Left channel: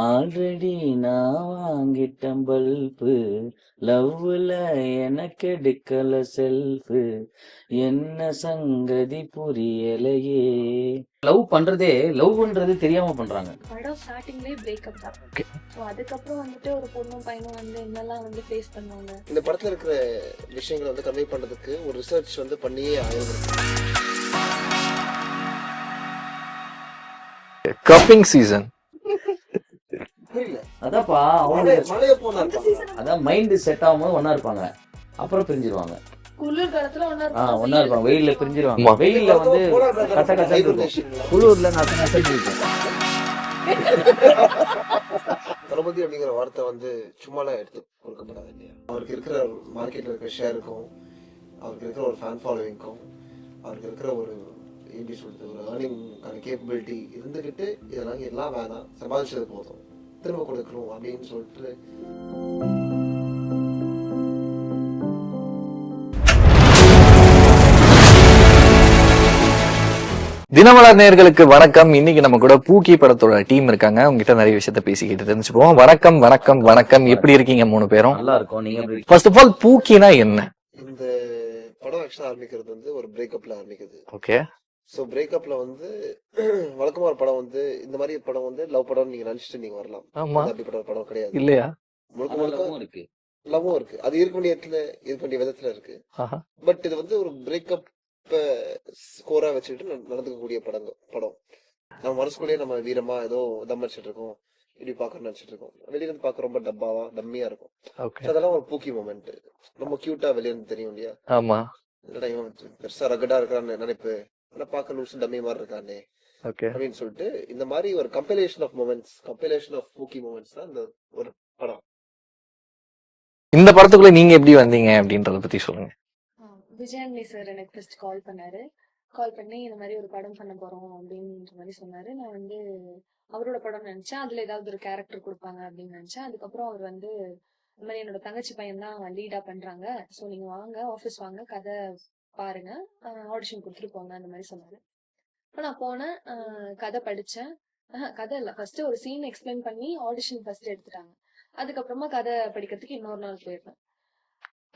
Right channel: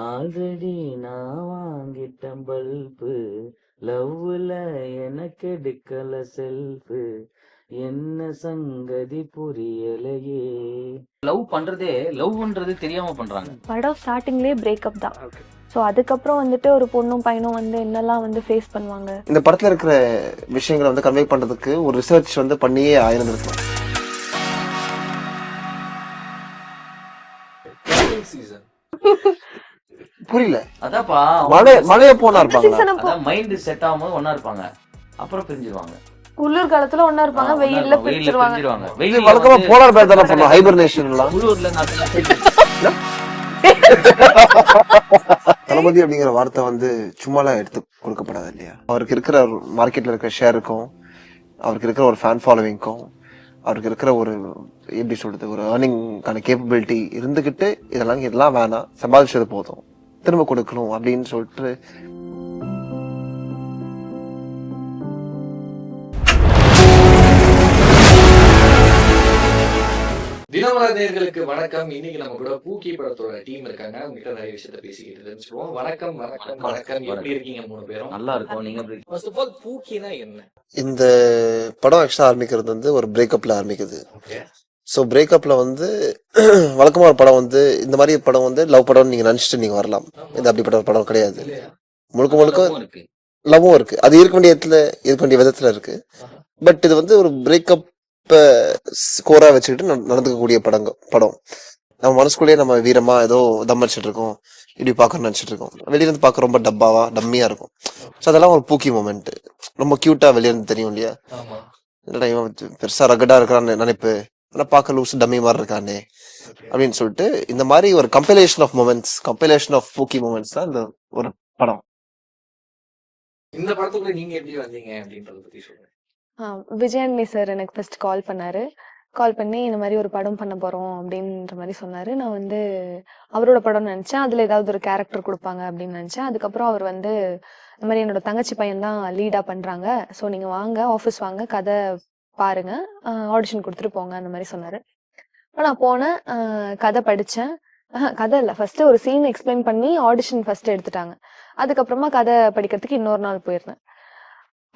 Already நான் வாங்கிட்டேன் bulb, லவ்வுல எனக்கு எடுக்கல செல்ஃபு, என்ன சங்கதி புரியலையே. லவ் பண்றதே லவ்ன்றது தெரியாம பண்றாங்க. படம் ஸ்டார்டிங்லேயே பிரேக்கப் தான். ஓகே. ஸோ அதுக்கப்புறம் வந்துட்டு ஒரு பொண்ணும் பையனும் வந்து என்னெல்லாம் வந்து ஃபேஸ் பண்ணுவாங்க. இந்த படத்துல இருக்கிற விஷயங்களை வந்து கன்வே பண்றதுக்கு ஒரு ரிசர்ச் வந்து பண்ணியே ஆயிருந்திருக்கும். Cupping season. புரியல. அதான்ப்பா, மழைய போனா இருப்பாங்களா? சீசன் அப்போ அதான் மைண்ட் செட் ஆகும்போது ஒண்ணா இருப்பாங்க, அப்புறம் பிரிஞ்சிருவாங்க. குளிர் காலத்துல ஒண்ணா இருப்பாங்க, ஒண்ணா வெயில்ல இருப்பாங்க, வெயில்ல பிரிச்சிருவாங்க. பிரிஞ்சிருவாங்க. ஆமா. இது வெயில்ல வழக்கமா வந்து போலார் பேர் தானே பண்ணுவோம், ஹைபர்னேஷன்லாம். உள்ளூர்ல இருந்து அத்தனை side தளபதி அப்படிங்கிற வார்த்தை வந்து சும்மாலாம் எடுத்து கொடுக்கப்படாது இல்லையா? அவருக்கு இருக்கிற மார்க்கெட்ல இருக்கிற ஷேருக்கும், அவருக்கு இருக்கிற ஒரு ஃபேன் ஃபாலோவிங்க்கும், அவருக்கு இருக்கிற ஒரு எப்படி சொல்றது, ஒரு ஏர்னிங்கான கேப்பபிலிட்டி இருந்துகிட்டு இதெல்லாம் வேணாம், சமாளிச்சது போதும், திரும்ப கொடுக்கணும் அப்படின்னு சொல்லிட்டு தினமலர் நேயர்களுக்கு வணக்கம். இன்னைக்கு நம்ம கூட பூக்கி படத்தோட டீம் இருக்காங்க. உங்ககிட்ட நிறைய விஷயத்த பேசிக்கிட்டு தெரிஞ்சுப்போம். வணக்கம் வணக்கம் வணக்கம். எப்படி இருக்கீங்க மூணு பேரும்? நல்லா இருக்கும். நீங்க எப்படி? ஃபர்ஸ்ட் ஆஃப் ஆல் பூக்கினா என்ன? இந்த படம் ஆக்சுவலா ஆரம்பிக்கிறது வந்து ஒரு பிரேக்கப்ல ஆரம்பிக்குது. ஓகே. ஸோ பிரேக்கப்ல வந்து வழக்கமா ஒரு படம் வந்து இந்த மாதிரி படம் வந்து லவ் படம்னு நீங்க நினைச்சிட்டு நீங்க வரலாம். ஆமா. இது அப்படிப்பட்ட ஒரு படம் கிடையாது. இல்லையா? முழுக்க முழுக்க இருக்கு. லவ்வும் இருக்கு. அது இருக்க வேண்டிய இடத்துல இருக்க வேண்டிய விதத்துல இருக்கு. ஆஹா. பட் இது வந்து ஒரு பிரேக்கப் ஸ்கோரா வச்சுக்கிட்டு நடந்துக்கக்கூடிய படம். நம்ம மனசுக்குள்ளேயே நம்ம வீரமா ஏதோ தம் அடிச்சிட்டு இருக்கோம், இப்படி பாக்கணும்னு நினைச்சிட்டு இருக்கோம். வெளியில இருந்து பாக்க ரொம்ப டம்மியா இருக்கும். Okay. ஸோ அதெல்லாம் ஒரு பூக்கி மூமெண்ட். ரொம்ப கியூட்டா வெளிய இருந்து தெரியும் இல்லையா? ஆமா. இல்லடா இவன் வந்து பெருசா ரகடா இருக்கிறான்னு நினைப்பு, ஆனா பாக்க லூஸ் டம்மி மாதிரி இருக்கானே ஓகே. அப்படின்னு சொல்லிட்டு இந்த மாதிரி ஒரு கம்பைலேஷன் ஆஃப் பூக்கி மூமெண்ட்ஸ் தான் இந்த ஒரு படம். இந்த படத்துக்குள்ள நீங்க எப்படி வந்தீங்க அப்படின்றத பத்தி சொல்லுங்க. விஜயாண்டி சார் எனக்கு ஃபர்ஸ்ட் கால் பண்ணி இந்த மாதிரி ஒரு படம் பண்ண போறோம் அப்படின்ற மாதிரி சொன்னாரு. நான் வந்து அவரோட படம்னு நினைச்சேன். அதுல ஏதாவது ஒரு கேரக்டர் கொடுப்பாங்க அப்படின்னு நினைச்சேன். அதுக்கப்புறம் அவர் வந்து இந்த மாதிரி என்னோட தங்கச்சி பையன் தான் லீடா பண்றாங்க, ஸோ நீங்க வாங்க, ஆஃபீஸ் வாங்க, கதை பாருங்க, ஆடிஷன் கொடுத்துட்டு போங்க அந்த மாதிரி சொன்னாரு. நான் போனேன், கதை படிச்சேன். கதை இல்லை, ஃபர்ஸ்ட் ஒரு சீன் எக்ஸ்பிளைன் பண்ணி ஆடிஷன் ஃபர்ஸ்ட் எடுத்துட்டாங்க. அதுக்கப்புறமா கதை படிக்கிறதுக்கு இன்னொரு நாள் போயிருந்தேன்.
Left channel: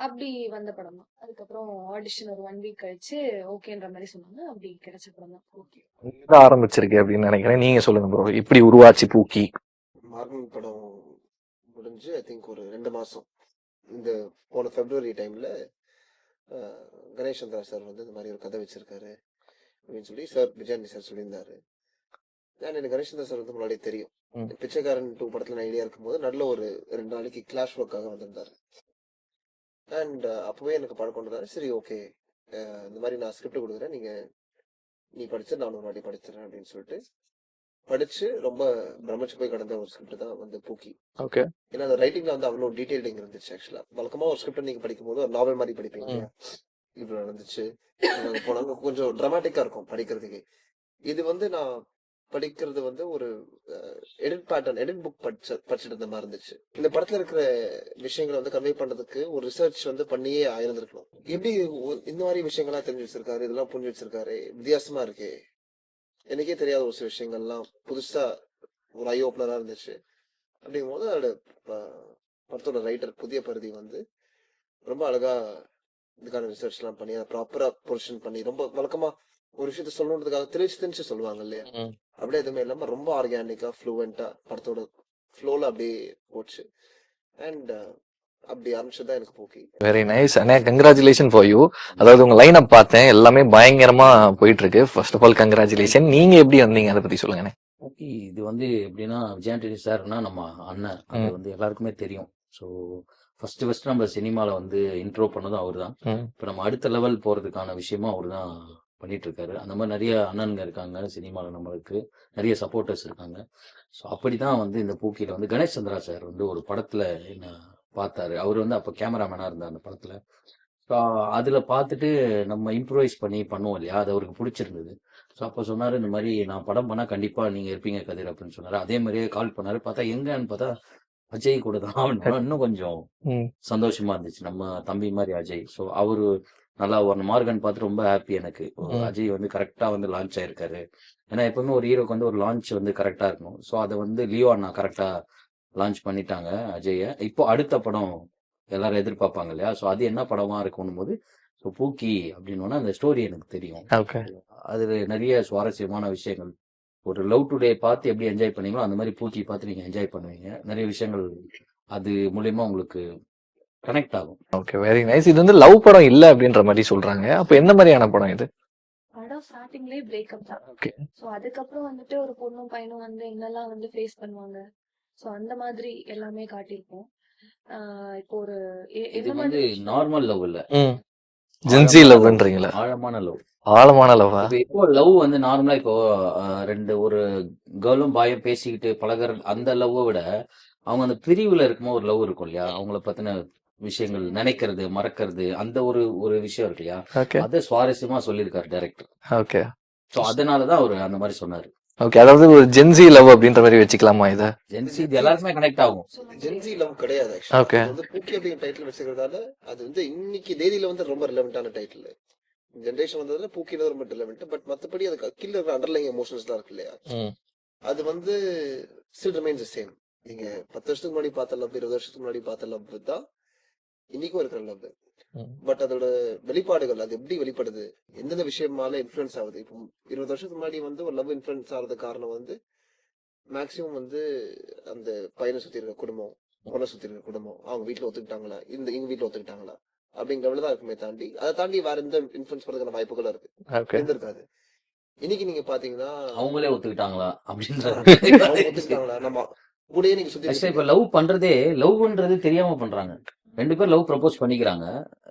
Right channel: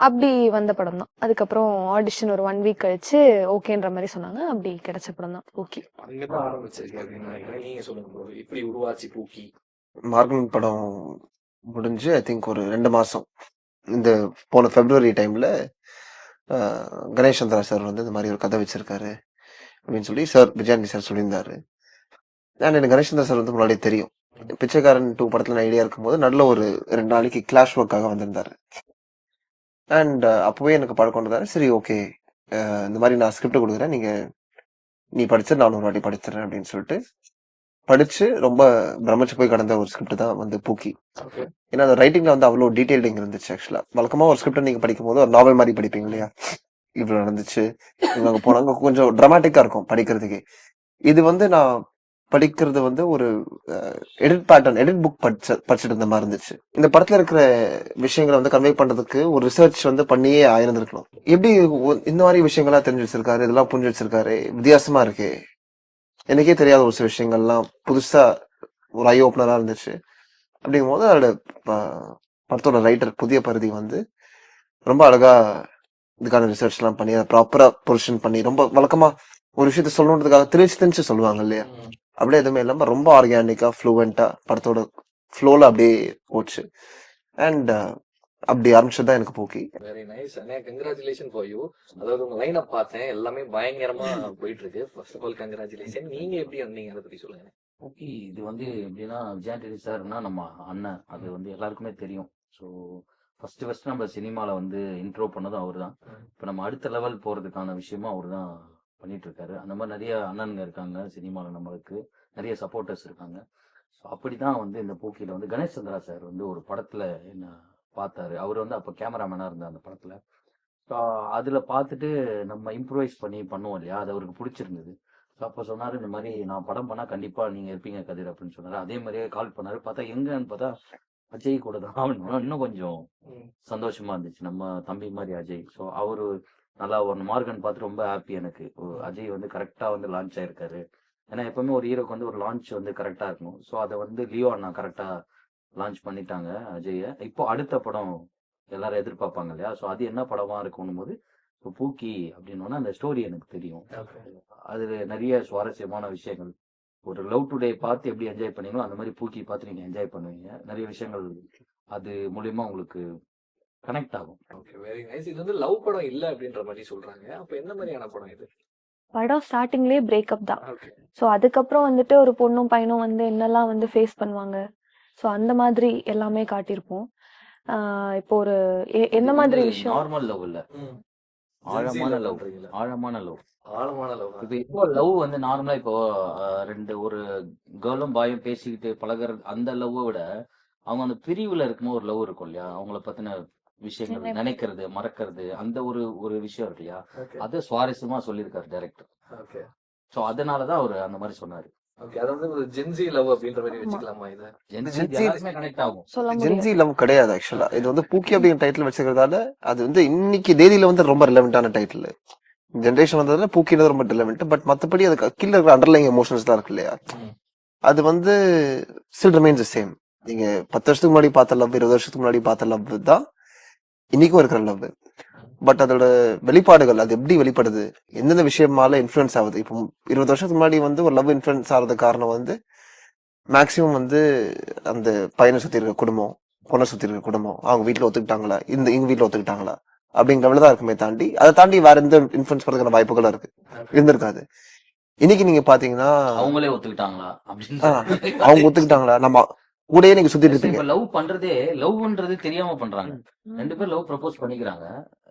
அப்படி வந்த படம் தான். அதுக்கப்புறம் ஆடிஷன் ஒரு 1 வீக் கழிச்சு ஓகேன்ற மாதிரி சொன்னாங்க. அப்படி கிடைச்ச படம் தான் பூக்கி. அங்கதான் ஆரம்பிச்சிருக்கு அப்படின்னு நினைக்கிறேன். நீங்க சொல்லுங்க ப்ரோ, இப்படி உருவாச்சு பூக்கி? மார்கன் படம் முடிஞ்சு ஐ திங்க் ஒரு 2 மாசம், இந்த போன பிப்ரவரி டைம்ல கணேஷ் சந்திரா சார் வந்து இந்த மாதிரி ஒரு கதை வச்சிருக்காரு அப்படின்னு சொல்லி சார் விஜயாண்டி சார் சொல்லியிருந்தாரு. எனக்கு கணேஷ் சந்திரா சார் வந்து முன்னாடியே தெரியும். பிச்சைக்காரன் 2 படத்துல நான் ஐடியா இருக்கும்போது நல்ல ஒரு 2 நாளைக்கு கிளாஷ் ஒர்க்காக வந்திருந்தாரு. அண்ட் அப்பவே எனக்கு பழக்கம் வந்ததாரு. சரி ஓகே, இந்த மாதிரி நான் ஸ்கிரிப்ட் கொடுக்குறேன், நீ படிச்சு நான் ஒரு வாட்டி படிச்சிடறேன் அப்படின்னு சொல்லிட்டு படிச்சு ரொம்ப பிரமிச்சு போய் கடந்த ஒரு ஸ்கிரிப்ட் தான் வந்து பூக்கி. ஓகே. ஏன்னா அந்த ரைட்டிங்ல வந்து அவ்வளோ டீடைல்டிங் இருந்துச்சு. ஆக்சுவலா வழக்கமா ஒரு ஸ்கிரிப்ட் நீங்க படிக்கும் போது ஒரு நாவல் மாதிரி படிப்பீங்க இல்லையா? இவ்வளவு நடந்துச்சு, இவங்க போனாங்க, கொஞ்சம் டிராமாட்டிக்கா இருக்கும் படிக்கிறதுக்கு. இது வந்து நான் படிக்கிறது வந்து ஒரு எடிட் புக் படிச்சுட்டு இருந்த மாதிரி இருந்துச்சு. இந்த படத்துல இருக்கிற விஷயங்களை வந்து கன்வே பண்றதுக்கு ஒரு ரிசர்ச் வந்து பண்ணியே ஆயிருந்திருக்கணும். எப்படி இந்த மாதிரி விஷயங்களா தெரிஞ்சு வச்சிருக்காரு, இதெல்லாம் புரிஞ்சு வச்சிருக்காரு, வித்தியாசமா இருக்கு, எனக்கே தெரியாத ஒரு சில விஷயங்கள்லாம் புதுசா ஒரு ஐ ஓப்பனரா இருந்துச்சு. அப்படிங்கும் போது அதோட படத்தோட ரைட்டர் புதிய பருதி வந்து ரொம்ப அழகா இதுக்கான ரிசர்ச் எல்லாம் பண்ணி அதை ப்ராப்பரா பொசிஷன் பண்ணி, ரொம்ப வழக்கமா ஒரு விஷயத்த சொல்லணுன்றதுக்காக திணிச்சு சொல்லுவாங்க இல்லையா? அப்படியே எதுவுமே இல்லாம ரொம்ப ஆர்கானிக்கா ஃப்ளூவெண்டா படத்தோட ஃப்ளோல அப்படியே போச்சு. அண்ட் அப்படி ஆரம்பிச்சதுதான் எனக்கு பூக்கி. வெரி நைஸ் அண்ணே, கங்க்ராச்சுலேஷன் ஃபார் யூ. அதாவது உங்க லைன் அப் பார்த்தேன், எல்லாமே பயங்கரமா போயிட்டு இருக்கு. First of all congratulation. நீங்க எப்படி வந்தீங்க அதை பத்தி சொல்லுங்க. ஓகே, இது வந்து எப்படின்னா விஜயாண்டி சார்னா நம்ம அண்ணன், அது வந்து எல்லாருக்குமே தெரியும். ஸோ ஃபர்ஸ்ட் நம்ம சினிமால வந்து இன்ட்ரோ பண்ணதும் அவர் தான். இப்போ நம்ம அடுத்த லெவல் போறதுக்கான விஷயமும் அவர் தான் பண்ணிட்டு இருக்காரு. அந்த மாதிரி நிறைய அண்ணனுங்க இருக்காங்க சினிமாவில், நம்மளுக்கு நிறைய சப்போர்ட்டர்ஸ் இருக்காங்க. ஸோ அப்படிதான் வந்து இந்த பூக்கியில வந்து கணேஷ் சந்திரா சார் வந்து ஒரு படத்துல என்ன பார்த்தாரு. அவர் வந்து அப்போ கேமராமேனா இருந்தார் அந்த படத்துல. ஸோ அதுல பார்த்துட்டு நம்ம இம்ப்ரூவைஸ் பண்ணி பண்ணுவோம் இல்லையா, அது அவருக்கு பிடிச்சிருந்தது. ஸோ அப்போ சொன்னாரு, இந்த மாதிரி நான் படம் பண்ணா கண்டிப்பா நீங்க இருப்பீங்க கதிர் அப்படின்னு சொன்னாரு. அதே மாதிரியே கால் பண்ணாரு. பார்த்தா எங்கன்னு பார்த்தா அஜய் கூட தான். இன்னும் கொஞ்சம் சந்தோஷமா இருந்துச்சு, நம்ம தம்பி மாதிரி அஜய். ஸோ அவரு நல்லா ஒரு மார்கன் பார்த்து ரொம்ப ஹாப்பி எனக்கு. அஜய் வந்து கரெக்டா வந்து லான்ச் ஆயிருக்காரு. ஏன்னா எப்பவுமே ஒரு ஹீரோக்கு வந்து ஒரு லான்ச் வந்து கரெக்டா இருக்கணும். ஸோ அதை வந்து லியோ அண்ணா கரெக்டா லான்ச் பண்ணிட்டாங்க அஜய. இப்போ அடுத்த படம் எல்லாரும் எதிர்பார்ப்பாங்க இல்லையா? ஸோ அது என்ன படமா இருக்கணும் போது ஸோ பூக்கி அப்படின்னோன்னா அந்த ஸ்டோரி எனக்கு தெரியும். ஓகே. அது நிறைய சுவாரஸ்யமான விஷயங்கள். ஒரு லவ் டுடே பார்த்து எப்படி என்ஜாய் பண்ணீங்களோ அந்த மாதிரி பூக்கி பார்த்து நீங்க என்ஜாய் பண்ணுவீங்க. நிறைய விஷயங்கள் அது மூலியமா உங்களுக்கு கனெக்ட் ஆகும். Okay, very nice. இது வந்து லவ் படம் இல்ல அப்படின்ற மாதிரி சொல்றாங்க. அப்ப என்ன மாதிரியான படம் இது? படம் ஸ்டார்டிங்லயே பிரேக்கப் தான். ஓகே. ஸோ அதுக்கப்புறம் வந்துட்டு ஒரு பொண்ணும் பையனும் வந்து என்னெல்லாம் வந்து ஃபேஸ் பண்ணுவாங்க, ஸோ அந்த மாதிரி எல்லாமே காட்டியிருப்போம். இப்போ ஒரு என்ன மாதிரி விஷயம்? நார்மல் லவ் இல்ல, ஜென்சி லவ்ன்றீங்களா? ஆழமான லவ். ஆழமான லவ்வா? இப்போ லவ் வந்து நார்மலா இப்போ ரெண்டு ஒரு கேர்ளும் பாயும் பேசிக்கிட்டு பழகுற அந்த லவ்வை விட அவங்க அந்த பிரிவுல இருக்கும்போது ஒரு லவ் இருக்கும் இல்லையா? அவங்கள பத்தின விஷயங்கள் நினைக்கிறது, மறக்கிறது, அந்த ஒரு ஒரு விஷயம் இருக்கு இல்லையா? ஓகே. அதை சுவாரஸ்யமா சொல்லியிருக்காரு டைரக்டர். ஓகே. ஸோ அதனாலதான் அவரு அந்த மாதிரி சொன்னாரு. ஓகே, அதாவது ஒரு ஜென்சி லவ் அப்படின்ற மாதிரி வச்சுக்கலாமா இத? இது எல்லாருக்குமே கனெக்ட் ஆகும். சொல்ல ஜென்சி முடியாது. லவ் கிடையாது ஆக்சுவலா. Okay. இது வந்து பூக்கி அப்படிங்கிற டைட்டில் வச்சுக்கிறதால அது வந்து இன்னைக்கு தேதியில வந்து ரொம்ப ரிலவெண்டான டைட்டில். ஜென்ரேஷன் வந்ததுல பூக்கின்றது ரொம்ப ரிலவெண்ட். பட் மத்தபடி அதுக்கு கீழே இருக்கிற அண்டர்லைங் எமோஷன்ஸ் தான் இருக்கு இல்லையா? அது வந்து ஸ்டில் ரிமைன்ஸ் தி சேம். நீங்க 10 வருஷத்துக்கு முன்னாடி பார்த்த லவ், 20 வருஷத்துக்கு முன்னாடி பார்த்த லவ் தான் இன்னைக்கும் இருக்கிற லவ். பட் அதோட வெளிப்பாடுகள் அது எப்படி வெளிப்படுது, எந்தெந்த விஷயமால இன்ஃபுளுன்ஸ் ஆகுது. இப்போ 20 வருஷத்துக்கு முன்னாடி வந்து ஒரு லவ் இன்ஃபுளுன்ஸ் ஆகிறது காரணம் வந்து மேக்சிமம் வந்து அந்த பையனை சுத்தி இருக்க குடும்பம், பொண்ணை சுத்தி இருக்க குடும்பம், அவங்க வீட்டுல ஒத்துக்கிட்டாங்களா, இவங்க வீட்டுல ஒத்துக்கிட்டாங்களா அப்படிங்கிற லெவலில் தான் இருக்குமே தாண்டி அதை தாண்டி வேற எந்த இன்ஃபுளுன்ஸ் பண்றதுக்கான வாய்ப்புகளும் இருக்கு இருந்திருக்காது. இன்னைக்கு நீங்க பாத்தீங்கன்னா அவங்களே ஒத்துக்கிட்டாங்களா அவங்க ஒத்துக்கிட்டாங்களா, நம்ம கூடயே நீங்க சுத்திட்டு இருப்பீங்க. லவ் பண்றதே லவ்ன்றது தெரியாம பண்றாங்க. 2 பேர் லவ் ப்ரப்போஸ் பண்ணிக்கிறாங்க.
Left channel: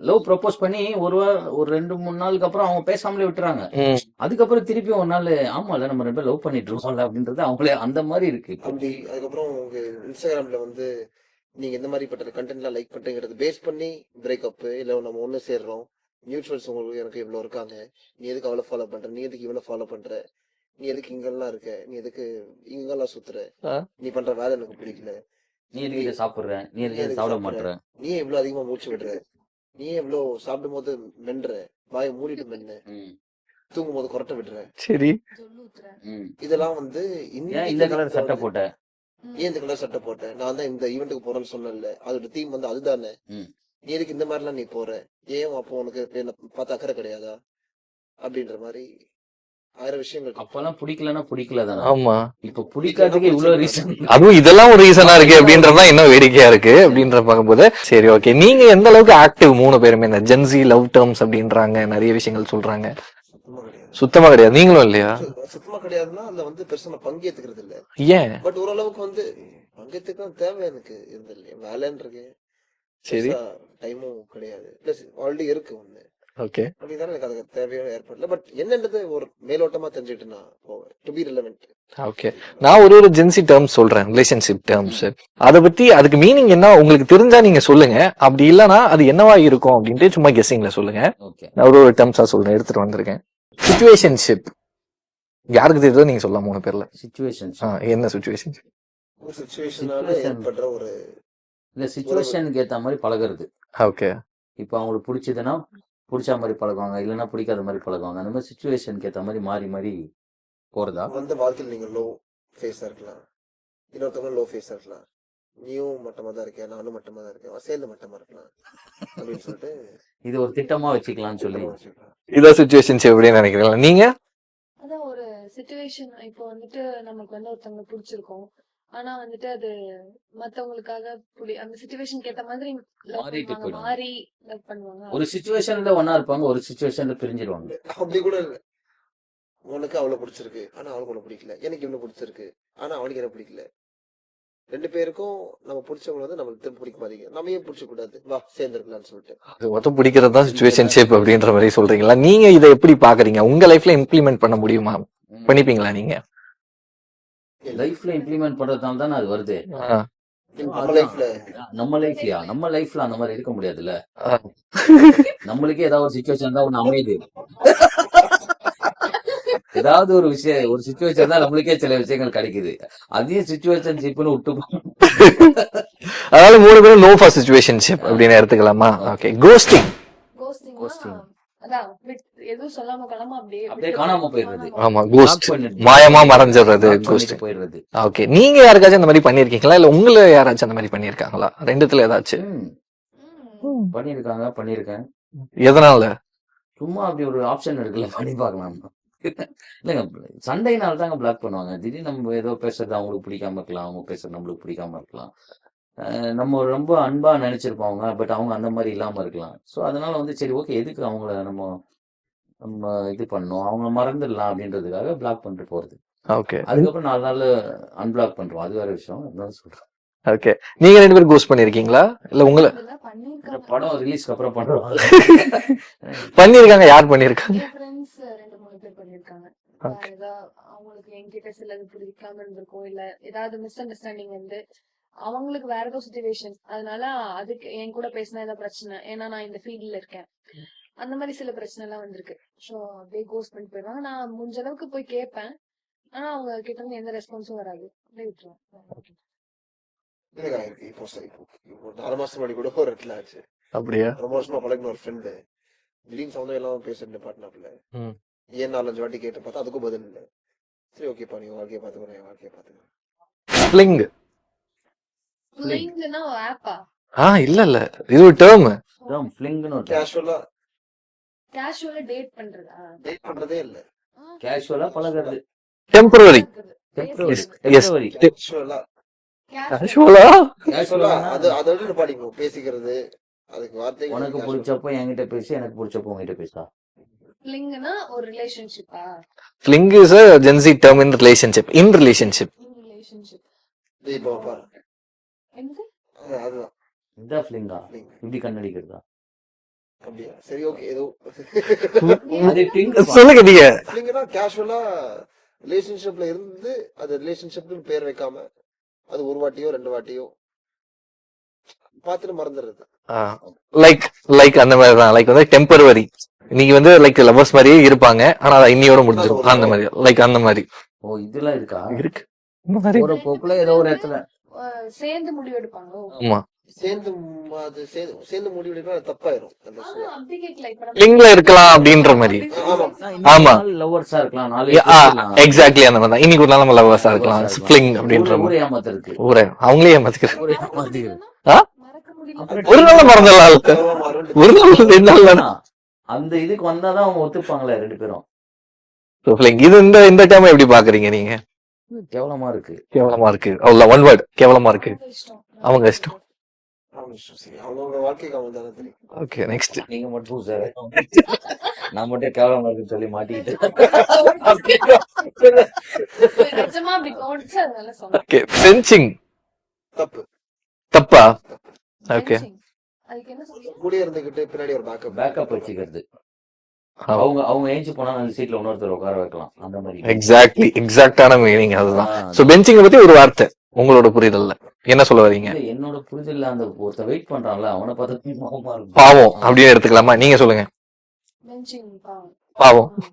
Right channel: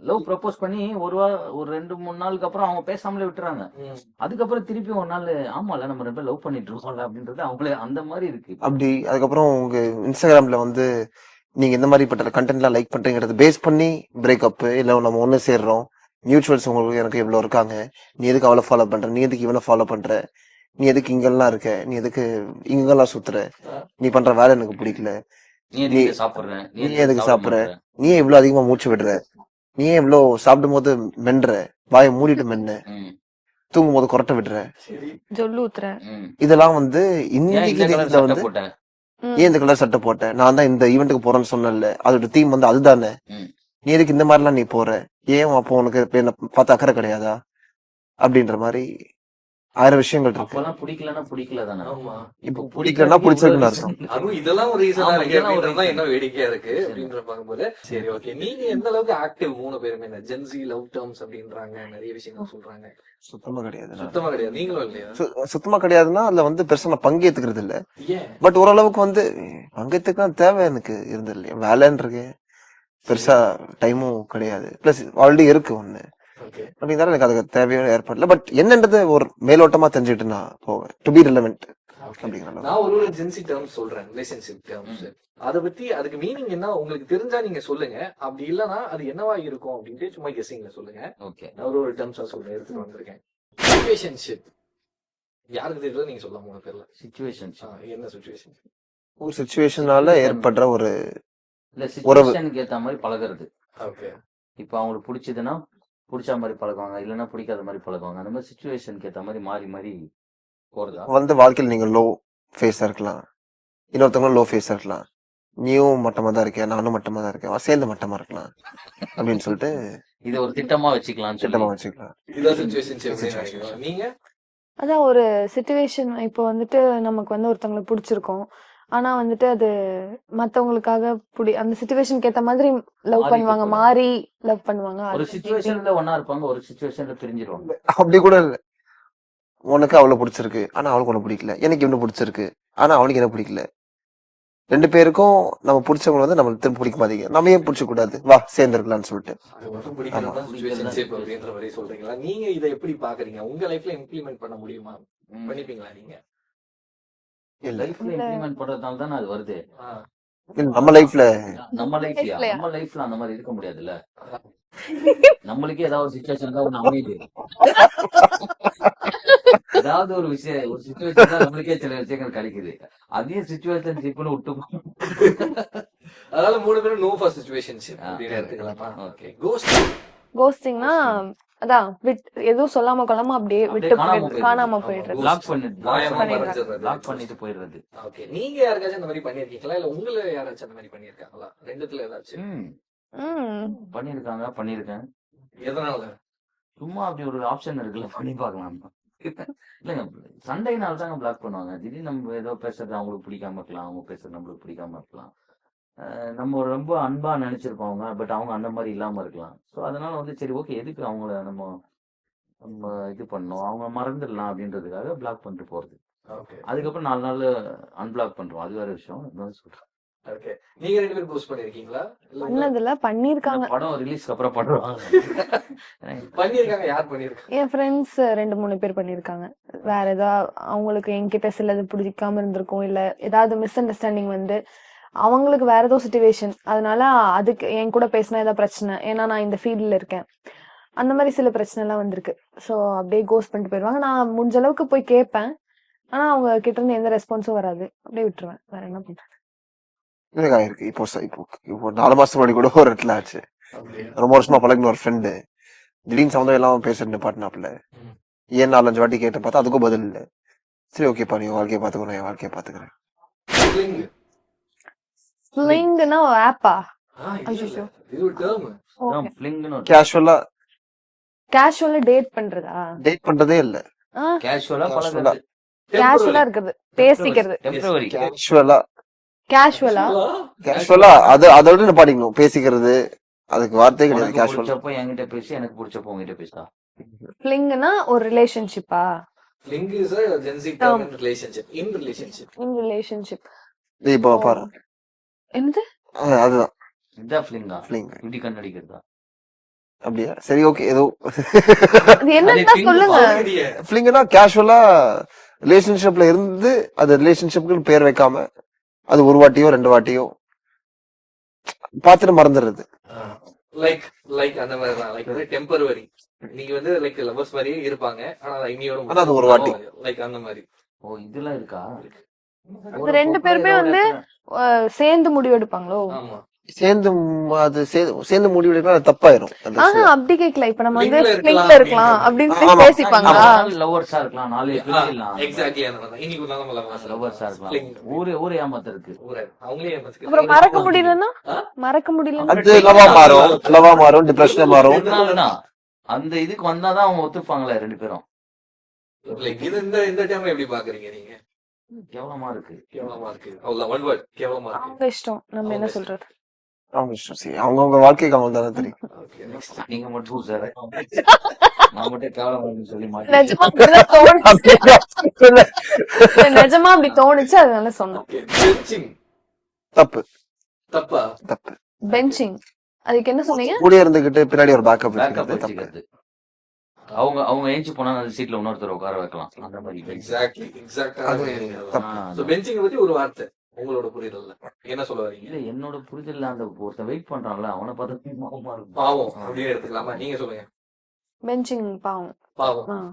லவ் ப்ரப்போஸ் பண்ணி ஒரு 2-3 நாளுக்கு அப்புறம் அவங்க பேசாமலே விட்டுறாங்க. அதுக்கப்புறம் திருப்பி ஒரு நாள் ஆமால நம்ம 2 பேர் லவ் பண்ணிட்டு இருக்கோம்ல அப்படின்றது அவங்களே அந்த மாதிரி இருக்கு. அப்படி அதுக்கப்புறம் உங்க இன்ஸ்டாகிராம்ல வந்து நீங்க இந்த மாதிரி பட்ட கண்டென்ட்லாம் லைக் பண்றீங்கிறது பேஸ் பண்ணி பிரேக்கப் இல்ல நம்ம ஒண்ணு சேர்றோம், மியூச்சுவல்ஸ் உங்களுக்கு எனக்கு எவ்வளவு இருக்காங்க, நீ எதுக்கு அவளை ஃபாலோ பண்ற, நீ எதுக்கு இவனை ஃபாலோ பண்ற, நீ எதுக்கு இங்கெல்லாம் இருக்க, நீ எதுக்கு இங்கெல்லாம் சுத்துற, நீ பண்ற வேலை எனக்கு பிடிக்கல, நீ எதுக்கு சாப்பிடுற, நீ எதுக்கு சாப்பிடுற, நீ ஏன் இவ்வளவு அதிகமா மூச்சு விடுற, நீ ஏன் இவ்வளவு சாப்பிடும் போது மென்ற, வாயை மூடிட்டு மென்ன, தூங்கும் போது கொரட்டை விடுற, சரி ஜொல்லு ஊத்துற, இதெல்லாம் வந்து இன்னைக்கு தேதியில வந்து ஏன் இந்த கலர் சட்டை போட்ட, நான் தான் இந்த ஈவெண்ட்டுக்கு போறேன்னு சொன்னேன்ல, அதோட தீம் வந்து அதுதானே, நீ எதுக்கு இந்த மாதிரிலாம் நீ போற, ஏன் அப்போ உனக்கு என்ன பார்த்து அக்கறை கிடையாதா அப்படின்ற மாதிரி 1000 விஷயங்கள் இருக்கு. அப்பெல்லாம் பிடிக்கலன்னா பிடிக்கலதானே. ஆமா, இப்போ பிடிக்கலன்னா பிடிச்சிருக்கலாம். அதுவும் இதெல்லாம் ஒரு ரீசனா இருக்கு அப்படின்றதுதான் இன்னும் வேடிக்கையா இருக்கு அப்படின்ற பார்க்கும்போது. சரி, ஓகே, நீங்க எந்த அளவுக்கு ஆக்டிவ் 3 பேருமே இந்த ஜென்சி லவ் டேர்ம்ஸ் அப்படின்றாங்க, நிறைய விஷயங்கள் சொல்றாங்க. சுத்தமா கிடையாது. சுத்தமா கிடையாது. நீங்களும் இல்லையா? சுத்தமா கிடையாதுன்னா அதுல வந்து பெருசா நான் பங்கேத்துக்கிறது இல்ல. ஏன்? பட் ஓரளவுக்கு வந்து பங்கேத்துக்கலாம் தேவை எனக்கு இருந்தது இல்லையா, வேலைன்னு இருக்கு, பெருசா டைமும் கிடையாது, பிளஸ் ஆல்ரெடி இருக்கு ஒண்ணு. ஓகே, அப்படிங்கிறதால எனக்கு அதுக்கு தேவையான ஏற்படல. பட் என்னன்றது ஒரு மேலோட்டமா தெரிஞ்சுட்டு நான் போவேன். To be relevant. ஓகே, நான் ஒரு ஜென்சி டேர்ம்ஸ் சொல்றேன், ரிலேஷன்ஷிப் டேர்ம்ஸ். அதை பத்தி அதுக்கு மீனிங் என்ன உங்களுக்கு தெரிஞ்சா நீங்க சொல்லுங்க, அப்படி இல்லைன்னா அது என்னவா இருக்கும் அப்படின்ட்டு சும்மா கெஸ்ஸிங்ல சொல்லுங்க. நான் ஒரு டேர்ம்ஸா சொல்றேன், எடுத்துட்டு வந்திருக்கேன். சிச்சுவேஷன்ஷிப் யாருக்கு தெரியுதோ நீங்க சொல்லலாம் 3 பேர்ல. சிச்சுவேஷன் என்ன சிச்சுவேஷன்? ஒரு சிச்சுவேஷனால ஏற்படுற ஒரு இல்ல சிச்சுவேஷனுக்கு ஏத்த மாதிரி பழகுறது. ஓகே, இப்போ அவங்களுக்கு பிடிச்சதுன்னா பிடிச்ச மாதிரி பழகுவாங்க, இல்லைன்னா பிடிக்காத மாதிரி பழகுவாங்க. அந்த மாதிரி சிச்சுவேஷனுக்கு ஏத்த மாதிரி மாறி மாறி போறதா வந்து வாழ்க்கையில் நீங்க லோ ஃபேஸா இருக்கலாம், இன்னொருத்தவங்களும் லோ ஃபேஸா இருக்கலாம், நீயும் மட்டமா தான் இருக்கேன், நானும் மட்டமா தான் இருக்கேன், சேர்ந்து மட்டமா இருக்கலாம் அப்படின்னு சொல்லிட்டு இது ஒரு திட்டமா வச்சுக்கலாம், திட்டமா வச்சுக்கலாம். இதான் சிச்சுவேஷன்ஷிப் அப்படின்னு நினைக்கிறீங்களா நீங்க? அதான் ஒரு சிச்சுவேஷன். இப்போ வந்துட்டு நமக்கு வந்து ஒருத்தவங்களை பிடிச்சிருக்கோம், ஆனா வந்துட்டு அது மத்தவங்களுக்காக அந்த சிச்சுவேஷனுக்கு ஏத்த மாதிரி லவ் பண்ணுவாங்க, மாறி லவ் பண்ணுவாங்க. ஒரு சிச்சுவேஷன்ல ஒன்னா இருப்பாங்க, ஒரு சிச்சுவேஷன்ல பிரிஞ்சிருவாங்க. அப்படி கூட இல்ல, உனக்கு அவளை பிடிச்சிருக்கு ஆனா அவளுக்கு ஒண்ணு பிடிக்கல, எனக்கு இவனு பிடிச்சிருக்கு ஆனா அவனுக்கு என்ன பிடிக்கல, 2 பேருக்கும் நம்ம பிடிச்சவங்க வந்து நம்மளுக்கு திரும்ப பிடிக்க மாட்டேங்க, நம்ம ஏன் பிடிச்ச கூடாது, வா சேர்ந்து இருக்கலாம்னு சொல்லிட்டு அது மொத்தம் பிடிக்கிறது தான் சிச்சுவேஷன்ஷிப் அப்படின்ற மாதிரி சொல்றீங்களா? நீங்க இதை எப்படி பாக்குறீங்க? உங்க லைஃப்ல இம்ப்ளிமெண்ட் பண்ண முடியுமா? பண்ணிப்பீங்களா நீங்க? லைஃப்ல இம்ப்ளிமெண்ட் பண்றதால தானே அது வருது. நம்ம லைஃப்ல அந்த மாதிரி இருக்க முடியாதுல்ல. நம்மளுக்கே ஏதாவது ஒரு சிச்சுவேஷன் தான் ஒண்ணு அமையுது. ஏதாவது ஒரு விஷயம், ஒரு சிச்சுவேஷன் தான் நம்மளுக்கே சில விஷயங்கள் கிடைக்குது. அதையும் சிச்சுவேஷன்ஷிப்னு விட்டு அதாவது 3 பேரும் நோ ஃபார் சிச்சுவேஷன்ஷிப் அப்படின்னு எடுத்துக்கலாமா? ஓகே, கோஸ்டிங் கோஸ்டிங்னா அதான் எதுவும் சொல்லாம கொள்ளாம அப்படியே அப்படியே விட்டு காணாம போயிடுறது. காணாம ஆமா, போயிடுறது. ghost. Block பண்ணிட்டு மாயமா மறைஞ்சிடுறது block ghost. பண்ணிட்டு போயிடுறது. ஓகே, நீங்க யாருக்காச்சும் அந்த மாதிரி பண்ணிருக்கீங்களா இல்ல உங்களை யாராச்சும் அந்த மாதிரி பண்ணிருக்காங்களா? ரெண்டுத்துல ஏதாச்சும்? ம். பண்ணிருக்கேன். எதனால? சும்மா அப்படி ஒரு ஆப்ஷன் இருக்குல்ல, பண்ணி பார்க்கலாம். இல்லைங்க, சண்டைனால தாங்க பிளாக் பண்ணுவாங்க. திடீர்னு நம்ம ஏதோ பேசுறது அவங்களுக்கு பிடிக்காம இருக்கலாம், அவங்க பேசுறது நம்மளுக்கு பிடிக்காம இருக்கலாம். நம்ம ரொம்ப அன்பா நினைச்சிருப்பாங்க, பட் அவங்க அந்த மாதிரி இல்லாம இருக்கலாம். ஸோ அதனால வந்து சரி ஓகே, எதுக்கு அவங்கள நம்ம நம்ம இது பண்ணோம், அவங்க மறந்துடலாம் அப்படின்றதுக்காக பிளாக் பண்ணிட்டு போறது. ஓகே அதுக்கப்புறம் 4 நாள்ல அன்பிளாக் பண்றோம், அது வேற விஷயம். அதான் சொல்றேன். ஓகே, நீங்க 2 பேரும் கோஸ்ட் பண்ணிருக்கீங்களா இல்ல உங்களை பண்ணதில்ல, பண்ணிருக்காங்க. இந்த படம் ரிலீஸ்க்கு அப்புறம் பண்ணுவாங்க. பண்ணிருக்காங்க? யார் பண்ணிருக்காங்க? என் ஃப்ரெண்ட்ஸ் 2-3 பேர் பண்ணிருக்காங்க. வேற ஏதாவது அவங்களுக்கு என்கிட்ட சிலது பிடிக்காம இருந்திருக்கும், இல்ல ஏதாவது மிஸ் அண்டர்ஸ்டாண்டிங் வந்து அவங்களுக்கு வேற ஏதோ சுச்சுவேஷன், அதனால அதுக்கு என் கூட பேசினா ஏதாவது பிரச்சனை, ஏன்னா நான் இந்த ஃபீல்ட்ல இருக்கேன், அந்த மாதிரி சில பிரச்சனை எல்லாம் வந்திருக்கு. ஸோ அப்படியே கோஸ்ட் பண்ணிட்டு போயிடுவாங்க. நான் முடிஞ்ச அளவுக்கு போய் கேட்பேன், ஆனா அவங்க கிட்ட இருந்து எந்த ரெஸ்பான்ஸும் வராது, அப்படியே விட்டுருவேன். வேற என்ன பண்றது? எனக்கு ஆயிருக்கு. இப்போ 4 மாசத்துக்கு முன்னாடி கூட ஒரு இடத்துல ஆச்சு. அப்படியா? ரொம்ப வருஷமா பழகின ஒரு ஃப்ரெண்டு திடீர்னு சம்மந்தம் இல்லாம பேசுறது பாட்டினாப்ல. ம். ஏன் 4-5 வாட்டி கேட்டு பார்த்தா அதுக்கும் பதில் இல்ல. சரி ஓகேப்பா, நீ வாழ்க்கையை பாத்துக்கோ, நான் என் வாழ்க்கையை பாத்துக்கிறேன். Fling. ஃபிளிங்னா ஆப்பா? இல்ல இது ஒரு டேர்ம். அதான் ஃபிளிங்னு ஒரு கேஷுவலா கேஷுவலா டேட் பண்றதா? டேட் பண்றதே இல்ல. கேஷுவலா பழகுறது. டெம்பரரி. Casual-ஆ இருக்குது, பேசிக்கிறது. Yes. Temporary. கேஷுவலா கேஷுவலா அதோட நிப்பாட்டிக்கணும். பேசிக்கிறது அதுக்கு வார்த்தை கிடையாது. உனக்கு கேஷுவல் பிடிச்சப்போ என்கிட்ட பேசி, எனக்கு பிடிச்சப்போ உங்ககிட்ட பேசா. ஃபிளிங்னா ஒரு ரிலேஷன்ஷிப்பா? Fling is a Gen Z term in relationship. In relationship. In relationship. இப்போ பாரு, என்னது? அதுதான் இதுதான் ஃபிளிங்கா? ஃபிளிங். இப்படி கண்ணடிக்கிறதா? அப்படியா? சரி ஓகே, ஏதோ அது என்னன்னு சொல்லுங்க. சொல்லுங்க நீங்க. ஃபிளிங்னா கேஷுவலா ரிலேஷன்ஷிப்ல இருந்து அது ரிலேஷன்ஷிப்க்கு பேர் வைக்காம அது ஒரு வாட்டியோ 2 வாட்டியோ பார்த்துட்டு மறந்துடுறது. லைக் அந்த மாதிரி தான். லைக் வந்து டெம்பரவரி. நீங்க வந்து லைக் லவர்ஸ் மாதிரியே இருப்பாங்க, ஆனா அது இன்னியோட முடிஞ்சிடும். அந்த மாதிரி லைக் அந்த மாதிரி ஓ, இதெல்லாம் இருக்கா? இருக்கு. இது 2 பேருமே வந்து சேர்ந்து முடிவெடுப்பாங்களோ? ஆமா, சேர்ந்து அது சேர்ந்து முடிவெடுக்கா அது தப்பாயிரும். அது அப்படி கேட்கல. இப்ப நம்ம Fling-ல இருக்கலாம் அப்படின்ற மாதிரி. ஆமா. பேசிப்பாங்க. ஆமா. லவர்ஸா இருக்கலாம், 4 எக்ஸாக்ட்லி அந்த மாதிரி தான். இன்னைக்கு ஒரு நாள் நம்ம லவர்ஸா இருக்கலாம். ஃபிளிங் அப்படின்ற மாதிரி. ஊரே ஏமாத்திருக்கு. ஊரே அவங்களே ஏமாத்திக்கிறாங்க. அப்புறம் மறக்க முடியலன்னா? ஆ? மறக்க முடியலன்னா? அது ஒரு நாள் மறந்துடலாம். லவா மாறும், ஒரு டிப்ரெஷன் நாள் மாறும். ரெண்டு நாள் வேணும். அந்த இதுக்கு வந்தாதான் அவங்க ஒத்துப்பாங்களே 2 பேரும். So, Fling, இது இந்த டைம் எப்படி பாக்குறீங்க நீங்க? கேவலமா இருக்கு. கேவலமா இருக்கு. அவ்வளவு ஒன் வேர்ட், கேவலமா இருக்கு. அவங்க இஷ்டம். நம்ம அவங்க என்ன இஷ்டம். சொல்றது? அவங்க இஷ்டம். சரி, அவங்கவங்க வாழ்க்கைக்கு அவங்க தானே தெரியும். Okay, next. நீங்க மட்டும் சார், நான் மட்டும் கேவலமா இருக்குன்னு சொல்லி மாட்டேன். நிஜமா அப்படிதான் தோணுச்சு. நிஜமா அப்படி தோணுச்சு, அதனால சொன்னேன். ஓகே, பெஞ்சிங் தப்பு தப்பா? தப்பு. பெஞ்சிங், அதுக்கு என்ன சொன்னீங்க? கூட இருந்துகிட்டு பின்னாடி ஒரு பேக்கப் பேக்கப் தப்பு. வச்சுக்கிறது. அவங்க ஏஞ்சி போனா அந்த சீட்ல இன்னொருத்தர் உட்கார வைக்கலாம், அந்த மாதிரி. எக்ஸாக்டான மீனிங் அதுதான். ஆ, சோ பெஞ்சிங் பத்தி ஒரு வார்த்தை உங்களோட புரிதல்ல என்ன சொல்ல வரீங்க? இல்ல, என்னோட புரிதல்ல அந்த ஒருத்தன் வெயிட் பண்றான்ல, அவனை பார்த்து கோவமா இருக்கு. பாவம் அப்படின்னு எடுத்துக்கலாமா? நீங்க சொல்லுங்க. பெஞ்சிங் பாவம். பாவம். ஆ.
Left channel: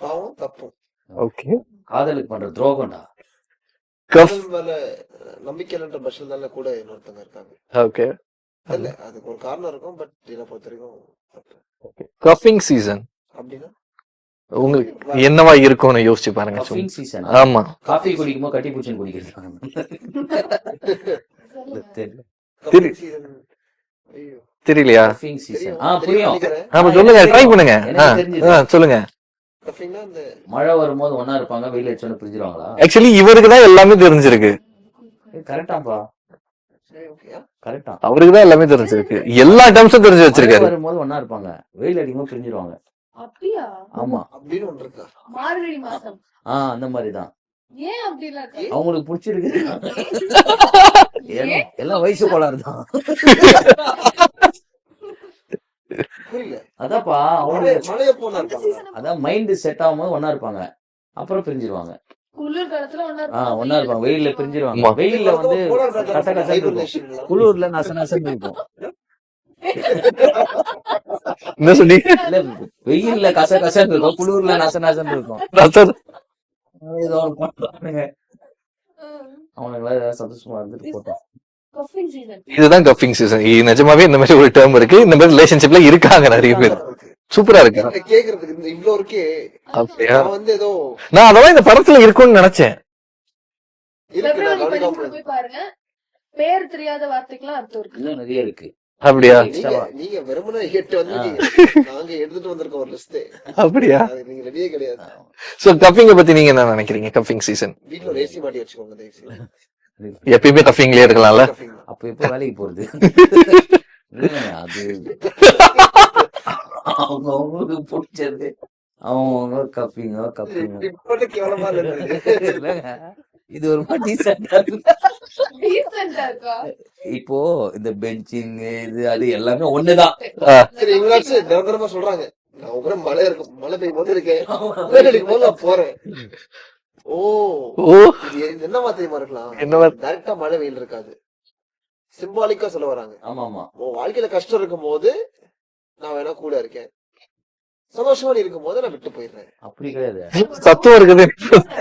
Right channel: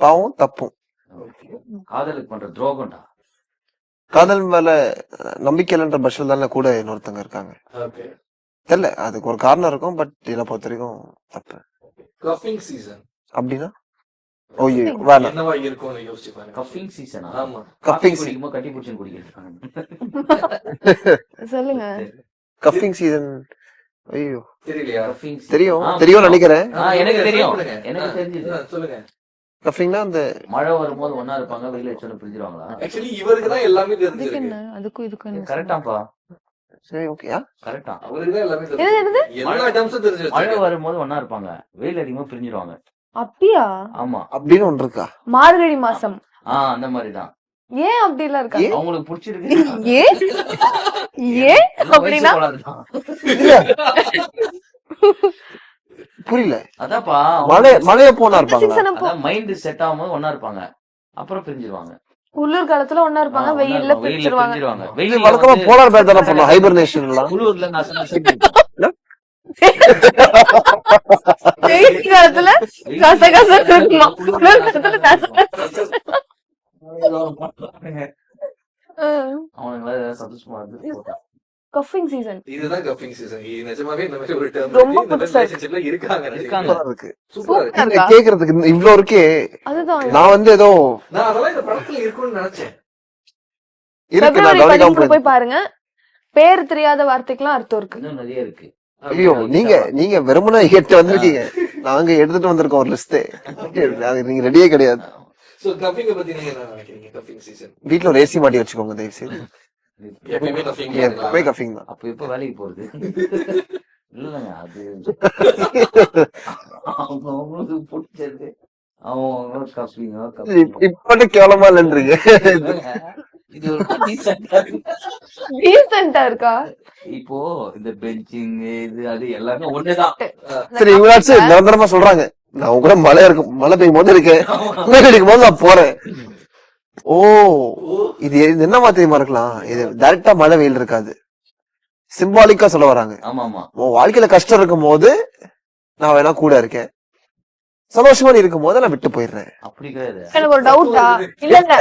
பாவம் தப்பும். ஓகே, காதலுக்கு பண்ற துரோகம்டா. காதல் மேல நம்பிக்கை இல்லைன்ற பட்சத்தில் தானே கூட இன்னொருத்தங்க இருக்காங்க. ஓகே. தெரியல, அதுக்கு ஒரு காரணம் இருக்கும். பட் இதை பொறுத்த வரைக்கும் தப்பு. கஃபிங் சீசன் அப்படின்னா உங்களுக்கு வேற. என்னவா இருக்கும்னு யோசிச்சு பாருங்க. கஃபிங் சீசன். ஆமா, காஃபி Cuffing குடிக்கும்போது கட்டி பூச்சின்னு குடிக்கிறது. சொல்லுங்க. கஃபிங் சீசன். ஐயோ, தெரியலையா? Cuffing season. தெரியும் ஆ, தெரியும் நினைக்கிறேன். ஆமா, ஆ, சொல்லுங்க, எனக்கு ட்ரை தெரியும். பண்ணுங்க. எனக்கு தெரிஞ்சது. சொல்லுங்க. கஃபிங்னா அந்த மழை வரும்போது ஒன்னா இருப்பாங்க, வெயில் அடிச்சோன்னு பிரிஞ்சிருவாங்களா? ஆக்சுவலி இவருக்கு தான் எல்லாமே தெரிஞ்சிருக்கு. அதுக்கும் இதுக்கும் என்ன கரெக்டாப்பா, சரி ஓகேயா. கரெக்டா. அவருக்கு தான் எல்லாமே தெரிஞ்சிருக்கு. எல்லா டேர்ம்ஸும் தெரிஞ்சு மழை வச்சிருக்காரு. வரும்போது ஒன்னா இருப்பாங்க, வெயில் அடிக்கும்போது பிரிஞ்சிருவாங்க. அப்படியா? ஆமா, அப்படின்னு ஒன்று இருக்கா? மார்கழி மாசம். அந்த மாதிரிதான். ஏன் அப்படி எல்லாம் இருக்காங்க? அவங்களுக்கு பிடிச்சிருக்கு. ஏன் ஏன் எல்லாம் வயசு அப்படின்னா? கோளாறுதான். புரியல. அதான்ப்பா, மழைய போனா இருப்பாங்களா? season அப்போ அதான் மைண்ட் செட் ஆகும்போது ஒன்னா இருப்பாங்க, அப்புறம் பிரிஞ்சிருவாங்க. குளிர் காலத்துல ஒண்ணா இருப்பாங்க, வெயில்ல வெயில்ல பிரிச்சிருவாங்க. பிரிஞ்சிருவாங்க. ஆமா. இது வெயில்ல வழக்கமா வந்து போலார் பேர் தானே பண்ணுவோம், ஹைபர்னேஷன் எல்லாம். குளிர்ல நச நசன்னு இருக்கும். என்ன சொல்லி? வெயில் காலத்துல வெயில்ல கச கசன்னு நச நசன்னு இருக்கும். இருக்கும், குளிர்ல நச நசன்னு இருக்கும். ரசம். ஏதோ ஒண்ணு பண்றானுங்க. அவனுக்கு வேற ஏதாவது சந்தோஷமா இருந்து போட்டா கஃபிங் சீசன். இதுதான் கப்பிங் சீசன். நிஜமாவே இந்த மாதிரி ஒரு டேர்ம் இருக்கு. இந்த மாதிரி ரிலேஷன்ஷிப்ல இருக்காங்க நிறைய பேர். இருக்கு சூப்பரா இருக்கு. இருக்கா? கேக்குறதுக்கு இவ்ளோ இருக்கே. அதுதான். நான் வந்து ஏதோ நான் அதெல்லாம் இந்த படத்துல இருக்கும்னு நினைச்சேன். இருக்கு நான் பிப்ரவரி கவனிக்காம 13 போய் பாருங்க. பேர் தெரியாத வார்த்தைக்கெல்லாம் அர்த்தம் இருக்கு. இன்னும் நிறைய இருக்கு. அப்படியா? நீங்க வெறுமனே எட்டு வந்திருக்கீங்க. நாங்க எடுத்துட்டு வந்திருக்கோம் ஒரு லிஸ்ட். அப்படியா? நீங்க ரெடியே கிடையாது. சோ கப்பிங்க பத்தி நீங்க என்ன நினைக்கிறீங்க? கப்பிங் சீசன் வீட்ல ஒரு ஏசி மாட்டி வச்சுக்கோங்க தயவு செய்து. எப்பயுமே கப்பிங்லயே இருக்கலாம்ல. கஃபிங் தான். அப்ப எப்ப வேலைக்கு போறது? இல்லைங்க, அது அவங்க அவங்களுக்கு பிடிச்சது அவங்க கப்பிங்க. இப்ப கேவலமா இல்லன்றீங்க. இது ஒரு டீசென்ட்டா இருக்கு. டீசென்ட்டா இருக்கா? இப்போ இந்த பெஞ்சிங் இது அது எல்லாமே ஒண்ணுதான். சரி இவராச்சும் நிரந்தரமா சொல்றாங்க நான் உங்க கூட மழை பெய்யும் போது இருக்கேன், வெயில் அடிக்கும் போது நான் போறேன். ஓ ஓ இது என்ன தெரியுமா இருக்கலாம்? டைரக்டா மழை வெயில் இருக்காது, சிம்பாலிக்கா சொல்ல வராங்க. ஆமா ஆமா. உன் வாழ்க்கையில கஷ்டம் இருக்கும் போது நான் வேணா கூட இருக்கேன், சந்தோஷமா நீ இருக்கும் போது நான் விட்டு போயிடுறேன். அப்படி கிடையாது. எனக்கு ஒரு சத்துவம் doubt. இருக்குது. இல்லங்க,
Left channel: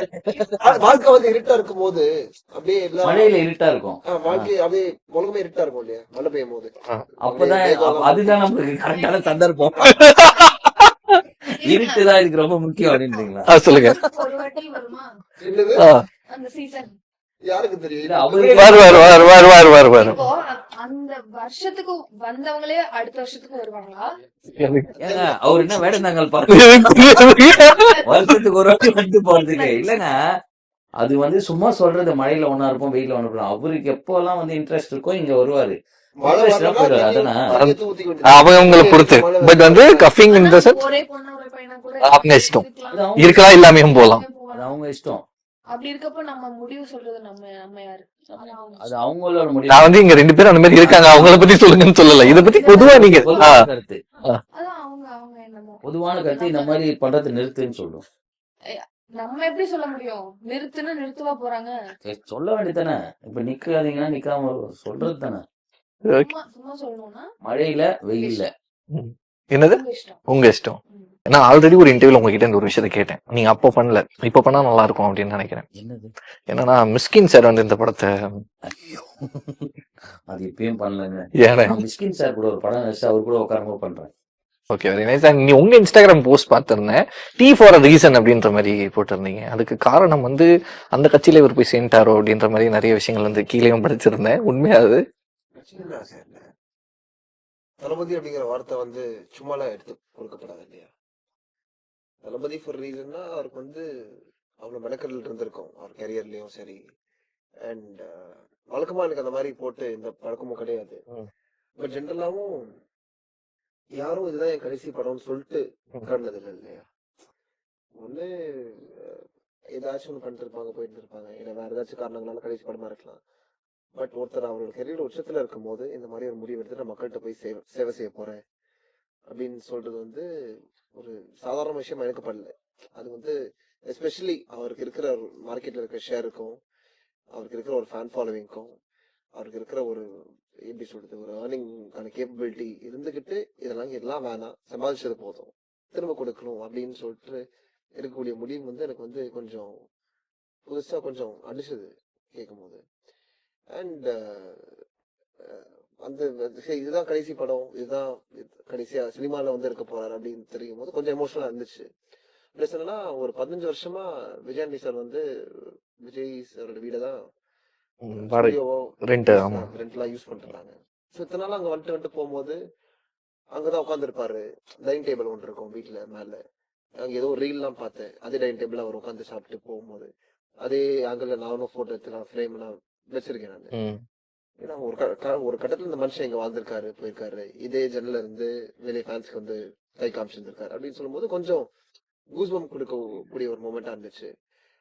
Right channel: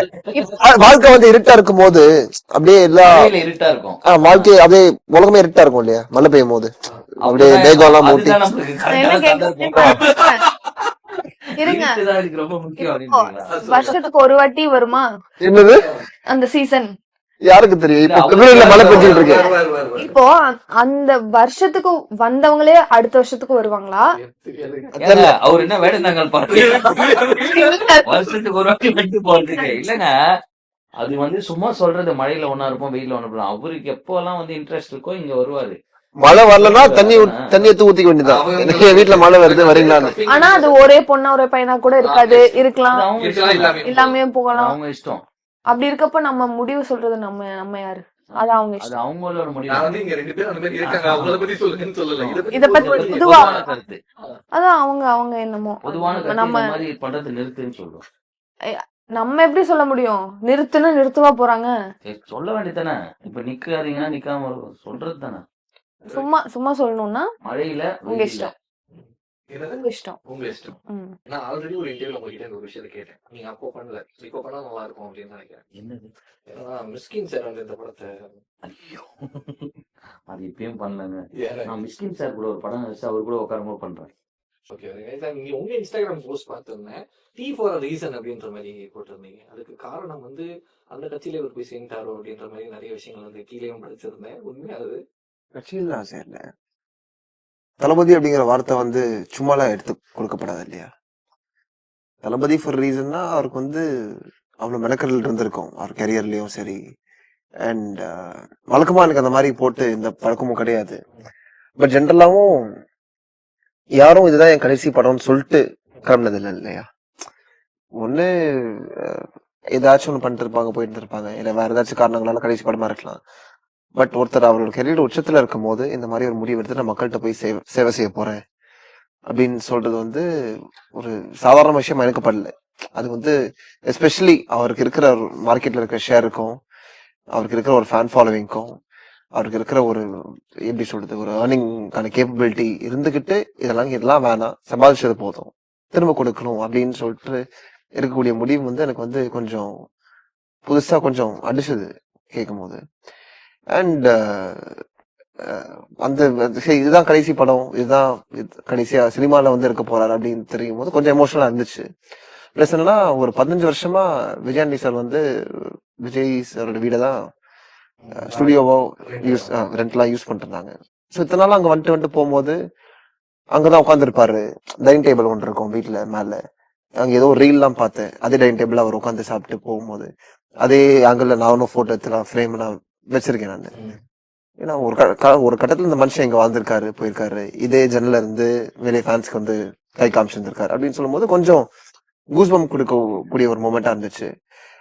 வாழ்க்கை வந்து இருட்டா இருக்கும் போது அப்படியே எல்லா மழையில இருட்டா இருக்கும். வாழ்க்கை அப்படியே உலகமே இருட்டா இருக்கும் இல்லையா மழை பெய்யும் போது. அப்படியே மேகம் எல்லாம் மூட்டி அதுதான் நமக்கு என்ன கரெக்டான சந்தர்ப்பம். இருங்க. இருட்டுதான் இதுக்கு ரொம்ப முக்கியம் அப்படின்றீங்களா? சொல்லுங்க. வருஷத்துக்கு ஒரு வாட்டி வருமா என்னது அந்த சீசன்? யாருக்கு தெரியும்? இப்ப இல்ல, பிப்ரவரி வருவார். இப்போ அந்த வருஷத்துக்கு வந்தவங்களே அடுத்த வருஷத்துக்கு வருவாங்களா? ஏங்க, அவர் என்ன வேடந்தாங்கல் பாருங்க. வருஷத்துக்கு ஒரு வாட்டி வந்து போறதுக்கு இல்லங்க. அது வந்து சும்மா சொல்றது, மழையில ஒண்ணா இருப்போம் வெயில ஒண்ணு இருப்போம். அவருக்கு எப்பெல்லாம் வந்து இன்ட்ரெஸ்ட் இருக்கோ இங்க வருவாரு. மழை வரலன்னா தண்ணி எடுத்து ஊத்திக்க வேண்டியது. அவங்க மழை வருது கப்பிங் ஆனா அது ஒரே பொண்ணா ஒரே பையனா கூட இருக்காது, நெக்ஸ்ட். இருக்கலாம், இருக்கலாம், இல்லாமையும் போலாம். எல்லாமே போகலாம். அவங்க இஷ்டம். அப்படி இருக்கப்ப நம்ம முடிவு சொல்றது நம்ம யாரு? அது அவங்க அது இஷ்டம். அவங்களோட முடிவு. நான் வந்து இங்க 2 பேரும் அந்த மாதிரி இருக்காங்க, அவங்கள பத்தி சொல்லுங்கன்னு சொல்லல. இத பத்தி இத பத்தி பொதுவா நீங்க பொதுவா. கருத்து. அதான் அவங்க என்னமோ. பொதுவான இப்ப கருத்து நம்ம இந்த மாதிரி பண்றது நிறுத்துன்னு சொல்லும். நம்ம எப்படி சொல்ல முடியும்? நிறுத்துவா போறாங்க. சொல்ல வேண்டியதானே. இப்ப நிக்காதீங்கன்னா நிக்காம சொல்றது தானே. சும்மா சொல்லணும்னா மழையில உங்க வெயில்ல இஷ்டம். என்னது உங்க இஷ்டம். உங்க இஷ்டம். ம். நான் ஆல்ரெடி ஒரு இன்டர்வியூல உங்ககிட்ட இந்த ஒரு விஷயத்த கேட்டேன். நீங்க அப்போ பண்ணல, இப்ப பண்ணா நல்லா இருக்கும் அப்படின்னு நினைக்கிறேன். என்னது? ஏன்னா மிஸ்கின் சார் வந்து இந்த படத்தை ஐயோ, அது இப்பயும் பண்ணலங்க. ஏன்னா நான் மிஸ்கின் சார் கூட ஒரு படம் வச்சு அவர் கூட உட்காரமா பண்றேன். Okay very nice. நீ உங்க இன்ஸ்டாகிராம் போஸ்ட் பார்த்திருந்தேன், டீ ஃபார் அ ரீசன் அப்படின்ற மாதிரி போட்டிருந்தீங்க. அதுக்கு காரணம் வந்து அந்த கட்சியில இவர் போய் சேர்ந்துட்டாரோ அப்படின்ற மாதிரி நிறைய விஷயங்கள் வந்து கீழேயும் படிச்சிருந்தேன். உண்மையா அது? கட்சியில் ஆசை இல்ல. தளபதி அப்படிங்கிற வார்த்தை வந்து சும்மாலாம் எடுத்து கொடுக்கப்படாது இல்லையா? தளபதி ஃபார் ரீசன்னா அவருக்கு வந்து அவ்வளவு மெனக்கடல் இருந்திருக்கும் அவர் கரியர்லயும் சரி. அண்ட் வழக்கமா எனக்கு அந்த மாதிரி போட்டு இந்த பழக்கமும் கிடையாது. பட் ஜென்ரலாவும் யாரும் இதுதான் என் கடைசி படம்னு சொல்லிட்டு கிளம்பினது இல்லை இல்லையா? ஒண்ணு ஏதாச்சும் ஒண்ணு பண்ணிட்டு இருப்பாங்க, போயிட்டு இருப்பாங்க, இல்ல வேற ஏதாச்சும் காரணங்களால கடைசி படமா இருக்கலாம். பட் ஒருத்தர் அவரோட கெரியர் உச்சத்துல இருக்கும் போது இந்த மாதிரி ஒரு முடிவு எடுத்து நான் மக்கள்கிட்ட போய் சேவை செய்ய போறேன் அப்படின்னு சொல்றது வந்து ஒரு சாதாரண விஷயம் எனக்கு படல. அது வந்து எஸ்பெஷலி அவருக்கு இருக்கிற மார்க்கெட்ல இருக்கிற ஷேருக்கும், அவருக்கு இருக்கிற ஒரு ஃபேன் ஃபாலோவிங்க்கும், அவருக்கு இருக்கிற ஒரு எப்படி சொல்றது ஒரு ஏர்னிங்கான கேப்பபிலிட்டி இருந்துகிட்டு இதெல்லாம் வேணாம், சம்பாதிச்சது போதும், திரும்ப கொடுக்கணும் அப்படின்னு சொல்லிட்டு இருக்கக்கூடிய முடிவு வந்து எனக்கு வந்து கொஞ்சம் புதுசா கொஞ்சம் அடிச்சது கேட்கும் போது. அண்ட் அந்த இதுதான் கடைசி படம், இதுதான் கடைசியா சினிமால வந்து இருக்க போறாரு அப்படின்னு தெரியும் போது கொஞ்சம் எமோஷனலா இருந்துச்சு. பிளஸ் என்னன்னா ஒரு 15 வருஷமா விஜயாண்டி சார் வந்து விஜய் சாரோட வீடை தான் ஸ்டுடியோவோ ரெண்ட்லாம் யூஸ் பண்ணிட்டு இருந்தாங்க. ஸோ இத்தனை நாள் அங்க வந்துட்டு போகும்போது அங்கதான் உட்காந்துருப்பாரு. டைனிங் டேபிள் ஒன்று இருக்கும் வீட்டுல மேல, அங்க ஏதோ ரீல்லாம் பார்த்தேன், அதே டைனிங் டேபிள் அவர் உட்காந்து சாப்பிட்டு போகும்போது அதே ஆங்கிள் நானும் போட்டோ எடுத்து ஃப்ரேம் நான் வச்சிருக்கேன் நான். ஏன்னா ஒரு கட்டத்துல இந்த மனுஷன் இங்க வாழ்ந்திருக்காரு, போயிருக்காரு, இதே ஜன்னல இருந்து வெளியே ஃபேன்ஸ்க்கு வந்து கை காமிச்சிருந்திருக்காரு அப்படின்னு சொல்லும் போது கொஞ்சம் கூஸ்பம் கொடுக்கக்கூடிய ஒரு மொமெண்டா இருந்துச்சு.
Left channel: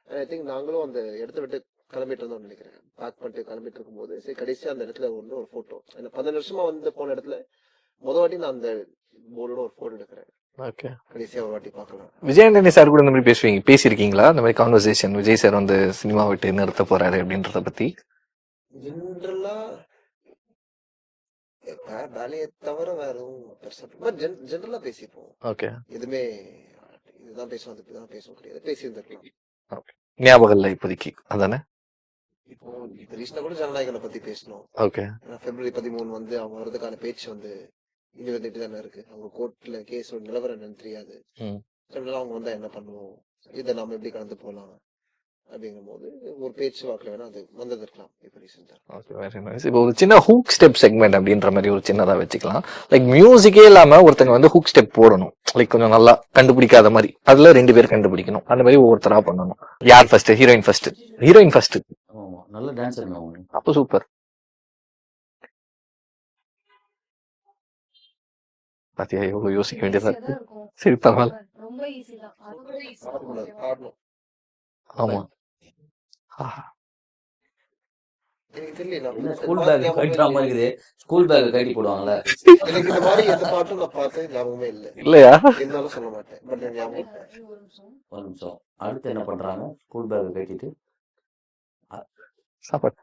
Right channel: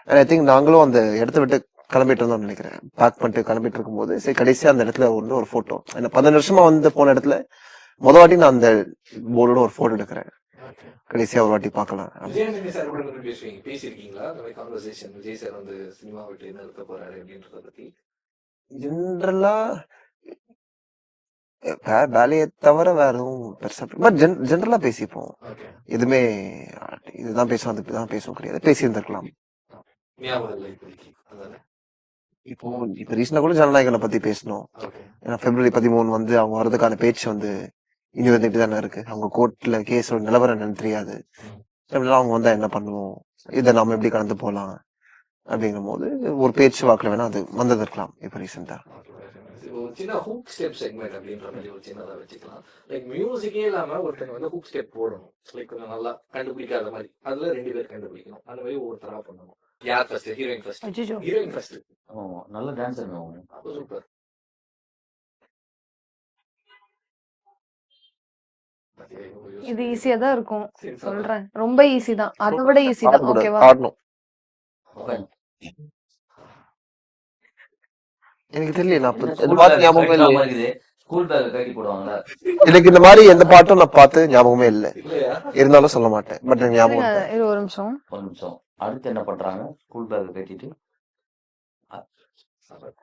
அண்ட் ஐ திங்க் நாங்களும் அந்த இடத்த விட்டு கிளம்பிட்டு இருந்தோம்னு நினைக்கிறேன். பேக் பண்ணிட்டு கிளம்பிட்டு இருக்கும்போது சரி கடைசியா அந்த இடத்துல வந்து ஒரு போட்டோ, 15 வருஷமா வந்து போன இடத்துல முத வாட்டி நான் அந்த போர்டோட ஒரு போட்டோ எடுக்கிறேன். கடைசியா ஒரு வாட்டி பார்க்கலாம். விஜயாண்டனி சார் கூட இந்த மாதிரி பேசியிருக்கீங்களா இந்த மாதிரி கான்வர்சேஷன்? விஜய் சார் வந்து சினிமா விட்டு நிறுத்த போறாரு அப்படின்றத பத்தி ஜென்ரலா வேலையை தவிர வேற எதுவும் பெருசா பட் ஜென்ரலா பேசிப்போம். ஓகே, எதுவுமே இதுதான் பேசுவோம் அதுதான் பேசுவோம் கிடையாது, பேசி இருந்திருக்கலாம். ஞாபகம் இல்லை இப்போதைக்கு அதானே? இப்போ இப்ப ரீசெண்டா கூட ஜனநாயகனை பத்தி பேசணும். ஓகே. ஏன்னா February 13 வந்து அவங்க வர்றதுக்கான பேச்சு வந்து இனி வந்துட்டு தானே இருக்கு. அவங்க கோர்ட்ல கேஸோட நிலவரம் என்னன்னு தெரியாது. ம். அப்படிலாம் அவங்க வந்தா என்ன பண்ணுவோம்? இதை நாம எப்படி கடந்து போலாம் அப்படிங்கும் போது ஒரு பேச்சு வாக்குல வேணா அது வந்தது இருக்கலாம் இப்ப ரீசெண்டா. Very nice. இப்போ ஒரு சின்ன ஹூக் ஸ்டெப் செக்மெண்ட் அப்படின்ற மாதிரி ஒரு சின்னதா வச்சுக்கலாம். லைக் மியூசிக்கே இல்லாம ஒருத்தங்க வந்து ஹூக் ஸ்டெப் போடணும். லைக் கொஞ்சம் நல்லா கண்டுபிடிக்காத மாதிரி. அதுல 2 பேர் கண்டுபிடிக்கணும். அந்த மாதிரி ஒவ்வொருத்தரா பண்ணணும். யார் ஃபர்ஸ்ட்? Heroine first. அச்சச்சோ. Heroine first. நல்ல டான்ஸர் அவங்க. அப்போ சூப்பர். பாத்தியா எவ்வளவு யோசிக்க இது வேண்டியதா ஈஸியா தான் இருக்கு. இருக்கும். சரி பரவாயில்ல. சொல்றேன். ரொம்ப ஈஸி தான். அதை விட ஈஸி தான். ஆடக்கூடாது, ஓகேவா? ஆடணும். ஆமா. எனக்கு தெரியல, நான் என்ன இந்த ஸ்கூல் பாட்டு பேக் ஞாபகமே கழட்டாம இல்லையே. இருக்குது. ஸ்கூல் பேக் கழட்டி போடுவாங்கல்ல. எனக்கு இந்த மாதிரி எந்த பாட்டும் நான் பார்த்து ஞாபகமே இல்லை. இல்லையா? இருந்தாலும் சொல்ல மாட்டேன். பட் எனக்கு ஞாபகம் இருங்க, இருக்கு. இரு ஒரு நிமிஷம். ஒரு நிமிஷம். அடுத்து என்ன பண்றாங்க? ஸ்கூல் பேக் கட்டிட்டு சாப்பாடு.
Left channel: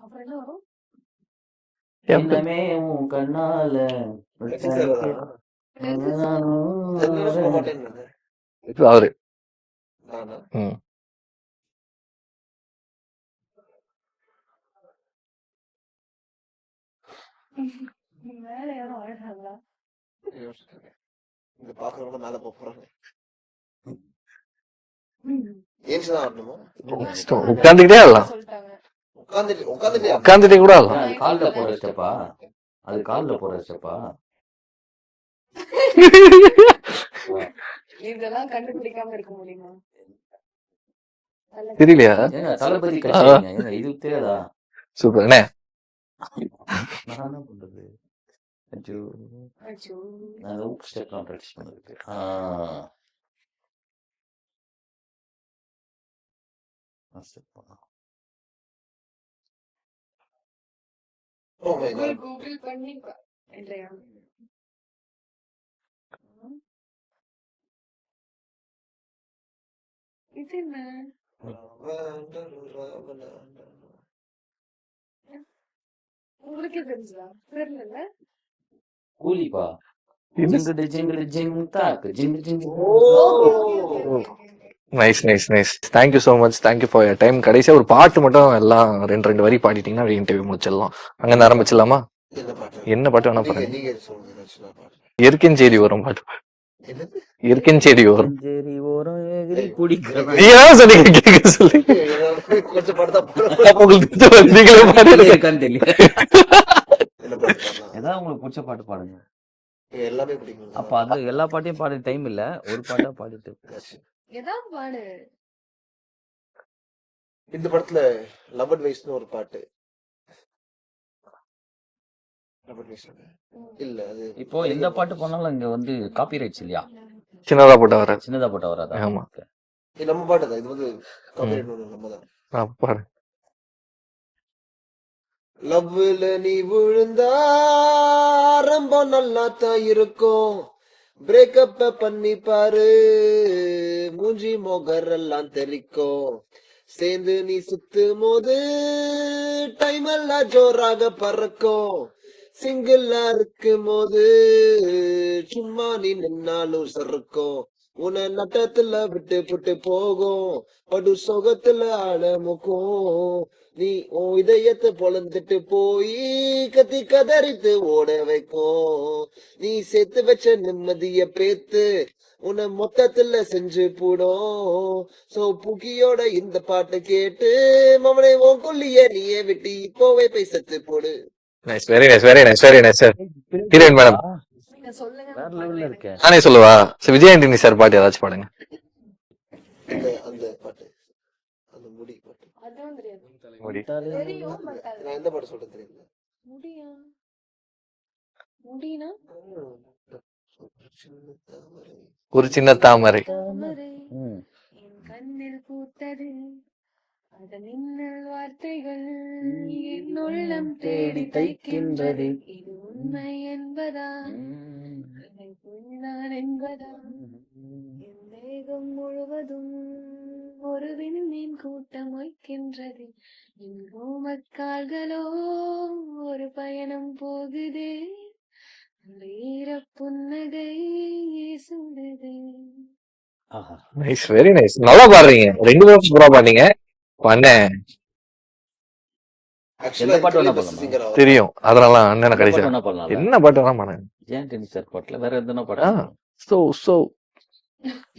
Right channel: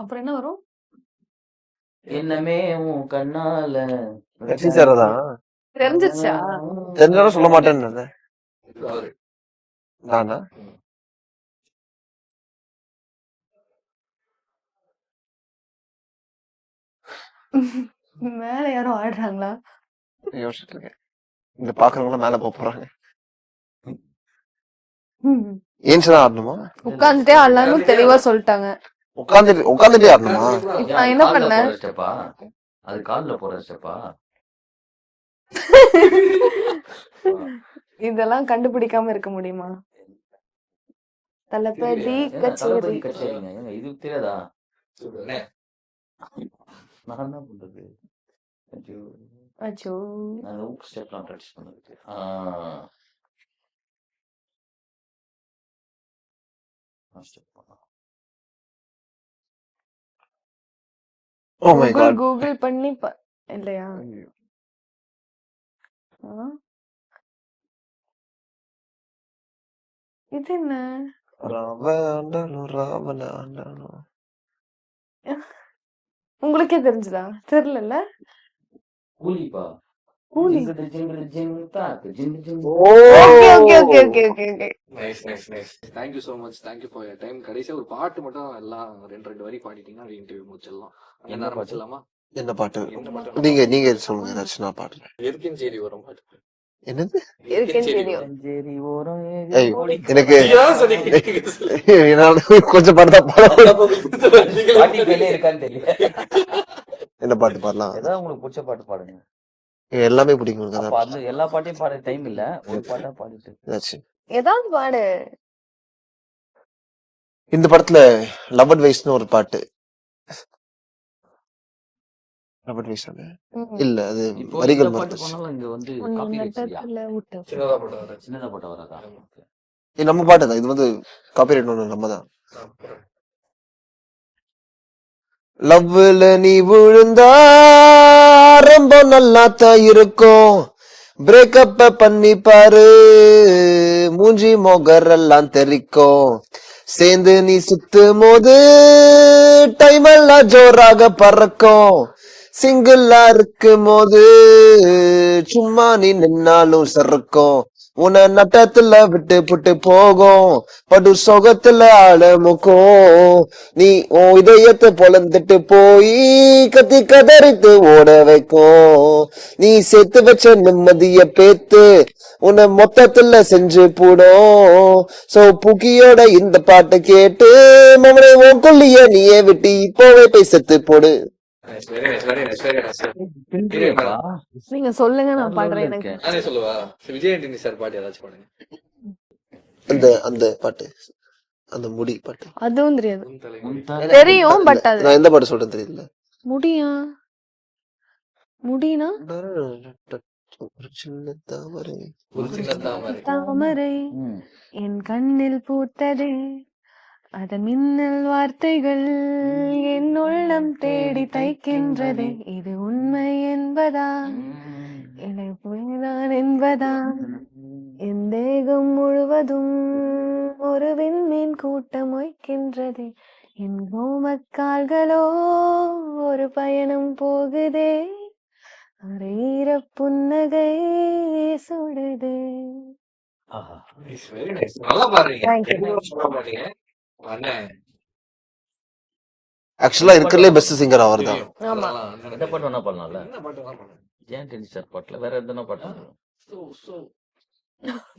அப்புறம் என்ன வரும்? என்னமே உன் கண்ணால ரஜினி சார் தான் தெரிஞ்சிருச்சா? தெரிஞ்சாலும் சொல்ல மாட்டேன்னு இருந்தேன். இது அவரு. நானா? ம். மேல யாரும் ஆடுறாங்களா? யோசிச்சுட்டு இருக்கேன். இங்க பாக்குறவங்க மேல போக போறாங்க. ஏன்ச்சுதான் ஆடணுமா? உட்கார்ந்துட்டே ஆடலாம் உட்கார்ந்துட்டே ஆடலாம். சொல்லிட்டாங்க. உட்காந்துட்டே உட்காந்துட்டே ஆடணும். கூட ஆடலாம். நான் என்ன கால்ல பண்ணேன்? போடுற ஸ்டெப்பா? அது கால்ல போடுற ஸ்டெப்பா? இதெல்லாம் கண்டுபிடிக்காம இருக்க முடியுமா? தெரியலையா? தளபதி தளபதி கட்சிங்க. இது தெரியாதா? சூப்பர். என்ன? நான் என்ன பண்றது? அச்சோ. அச்சோ. நான் ஊக் ஸ்டெப்லாம் ப்ராக்டிஸ் பண்ணதுக்கு. Step Oh my God. Google பண்ணி இல்லையா? ஆ? இது என்ன? ராவணாண்டாலும். உங்களுக்கே தெரிஞ்சுதா? தெரியல. கூலிப்பா. கூலி. ஜிங்கிடு ஜிங்கிடு ஜிங் தாக் ஜிங்கு ஜிங். Okay. Nice nice nice. Thank you so much. Thank you for your time. கடைசியா ஒரு பாட்டு மட்டும் எல்லாம் 2 வரி பாடிட்டீங்கன்னா அப்படியே இன்டர்வியூ முடிச்சிடலாம். அங்க இருந்து ஆரம்பிச்சிடலாமா? என்ன பாட்டு? என்ன பாட்டு வேணா நீங்க பாடுங்க. நீங்க சொல்லுங்க, ஏதாச்சும் நான் பாடுறேன். இயற்கையின் செய்தி வரும் பாட்டு. என்னது? இயற்கையின் செய்தி வரும். சரி ஓரம் ஏய், கூலி. எனக்கு ஏன் சொன்னீங்க? கேட்க சொல்லி. நான் கொஞ்சம் பாட்டு தான் பாடுறேன். உங்களுக்கு தெரிஞ்ச நீங்களே பாடுங்க. இருக்கான்னு தெரியல. என்ன பாட்டு பாடலாம்? ஏதாவது உங்களுக்கு பிடிச்ச பாட்டு பாடுங்க. எல்லாமே பிடிக்கும் எனக்கு. அப்ப அது எல்லா பாட்டையும் பாட டைம் இல்ல. ஒரு பாட்டா பாடிட்டு. ஏதாச்சும். ஏதாவது பாடு. இந்த படத்துல லவ் அட்வைஸ்னு ஒரு பாட்டு. லவ் அட்வைஸ் இல்ல, அது இப்போ இந்த வரிகள் பாட்டு மாறுச்சு. பண்ணாலும் இங்க வந்து காப்பிரைட்ஸ் இல்லையா? சின்னதா போட்டா வர. சின்னதா போட்டா வராதா? ஆமா. இது நம்ம பாட்டு தான். இது வந்து காப்பிரைட் ஒண்ணு நம்ம தான். பாரு. லவ்ல நீ விழுந்தா ரொம்ப நல்லா தான் இருக்கும். பிரேக்கப் பண்ணி பாரு, மூஞ்சி மொகரெல்லாம் தெரிக்கும். சேர்ந்து நீ சுத்தும் போது டைம் எல்லாம் ஜோராக பறக்கும். சிங்கிளா இருக்கும் போது சும்மா நீ நின்னாலும் சறுக்கும். உன்னை நட்டத்துல விட்டு புட்டு போகும், படு சொகத்துல ஆழமுக்கும். நீ உன் இதயத்தை பொழந்துட்டு போய் கத்தி கதறித்து ஓட வைக்கும். நீ சேர்த்து வச்ச நிம்மதிய பேத்து உன்னை மொத்தத்துல செஞ்சு போடும். சோ புக்கியோட இந்த பாட்டை கேட்டு மமனை உன் கொல்லிய நீயே விட்டு இப்போவே போய் செத்து போடு. Nice. Very nice very nice very nice sir. Heroine madam. நீங்க சொல்லுங்க, நான் பாடுறேன். எனக்கு நானே சொல்லவா? சரி, விஜய் ஆண்டனி சார் பாட்டு ஏதாச்சும் பாடுங்க. அந்த அந்த பாட்டு, அந்த முடி பாட்டு அதுவும் தெரியாது. தெரியும், பட் அது நான் எந்த பாட்டு சொல்றேன் தெரியல. முடியா? முடினா ஒரு சின்ன தாமரை. ஒரு சின்ன தாமரை. தாமரை என் கண்ணில் பூத்தது, அத மின்னல் வார்த்தைகள் என் உள்ளம் தேடி தைக்கின்றது. இது உண்மை என்பதா, என்னை புரிதான் என்பதா? என் தேகம் முழுவதும் ஒரு விண்மீன் கூட்டம் வைக்கின்றது. என் ரோமக்கால்களோ ஒரு பயணம் போகுதே, ஒரு ஈர புன்னகை சுடுது. ஆஹா. Nice, very nice. நல்லா பாடுறீங்க. Thank you. 2 பேரும் சூப்பரா பாடுனீங்க. அண்ணன் ஆக்சுவலா எந்த பாட்டு இருக்கிறதுலே வேணா பெஸ்ட் பாடலாம். சிங்கர் அவர் தெரியும். அதனால அண்ணனை எந்த பாட்டு கடைசியா வேணா பாடலாம்ல. என்ன பாட்டு வேணா பாடுங்க. விஜய் ஆண்டனி சார் பாட்டுல வேற எதுனா பாட்டு ஆ. பாடலாம். சோ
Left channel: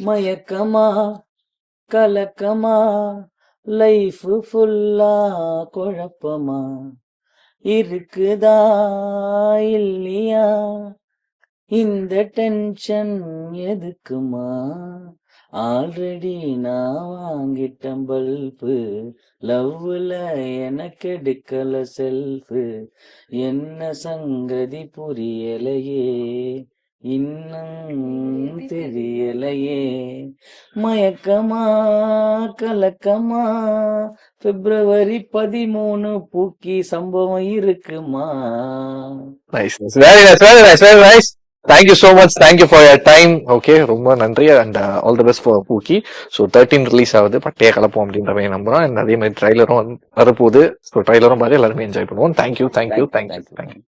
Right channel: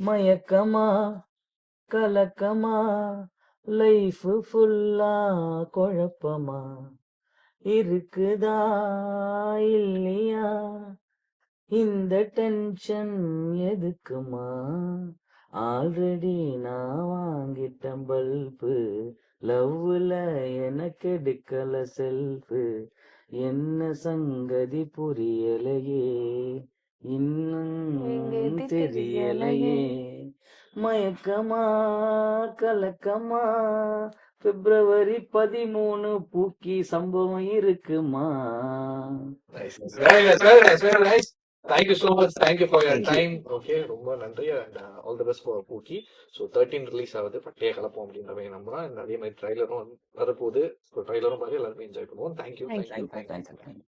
மயக்கமா கலக்கமா லைஃப் ஃபுல்லா குழப்பமா இருக்குதா இல்லையா இந்த டென்ஷன் எதுக்குமா ஆல்ரெடி நான் வாங்கிட்டேன் பல்பு லவ்ல எனக்கு எடுக்கல செல்ஃபு என்ன சங்கதி புரியலையே இன்னும் தெரியலையே மயக்கமா கலக்கமா பிப்ரவரி 13 பூக்கி சம்பவம் இருக்குமா. Nice, very nice, very nice, very nice. Thank you so much. Thank you for your time. Okay, ரொம்ப நன்றி and all the best for Pookie. So 13 release ஆகுது, பட்டையை கலப்போம் அப்படின்ற மாதிரி நம்புறோம். அண்ட் அதே மாதிரி ட்ரைலரும் வரப்போகுது. ஸோ ட்ரைலரும் பார்த்து எல்லாருமே என்ஜாய் பண்ணுவோம். Thank you, thank you, thank you, thank you.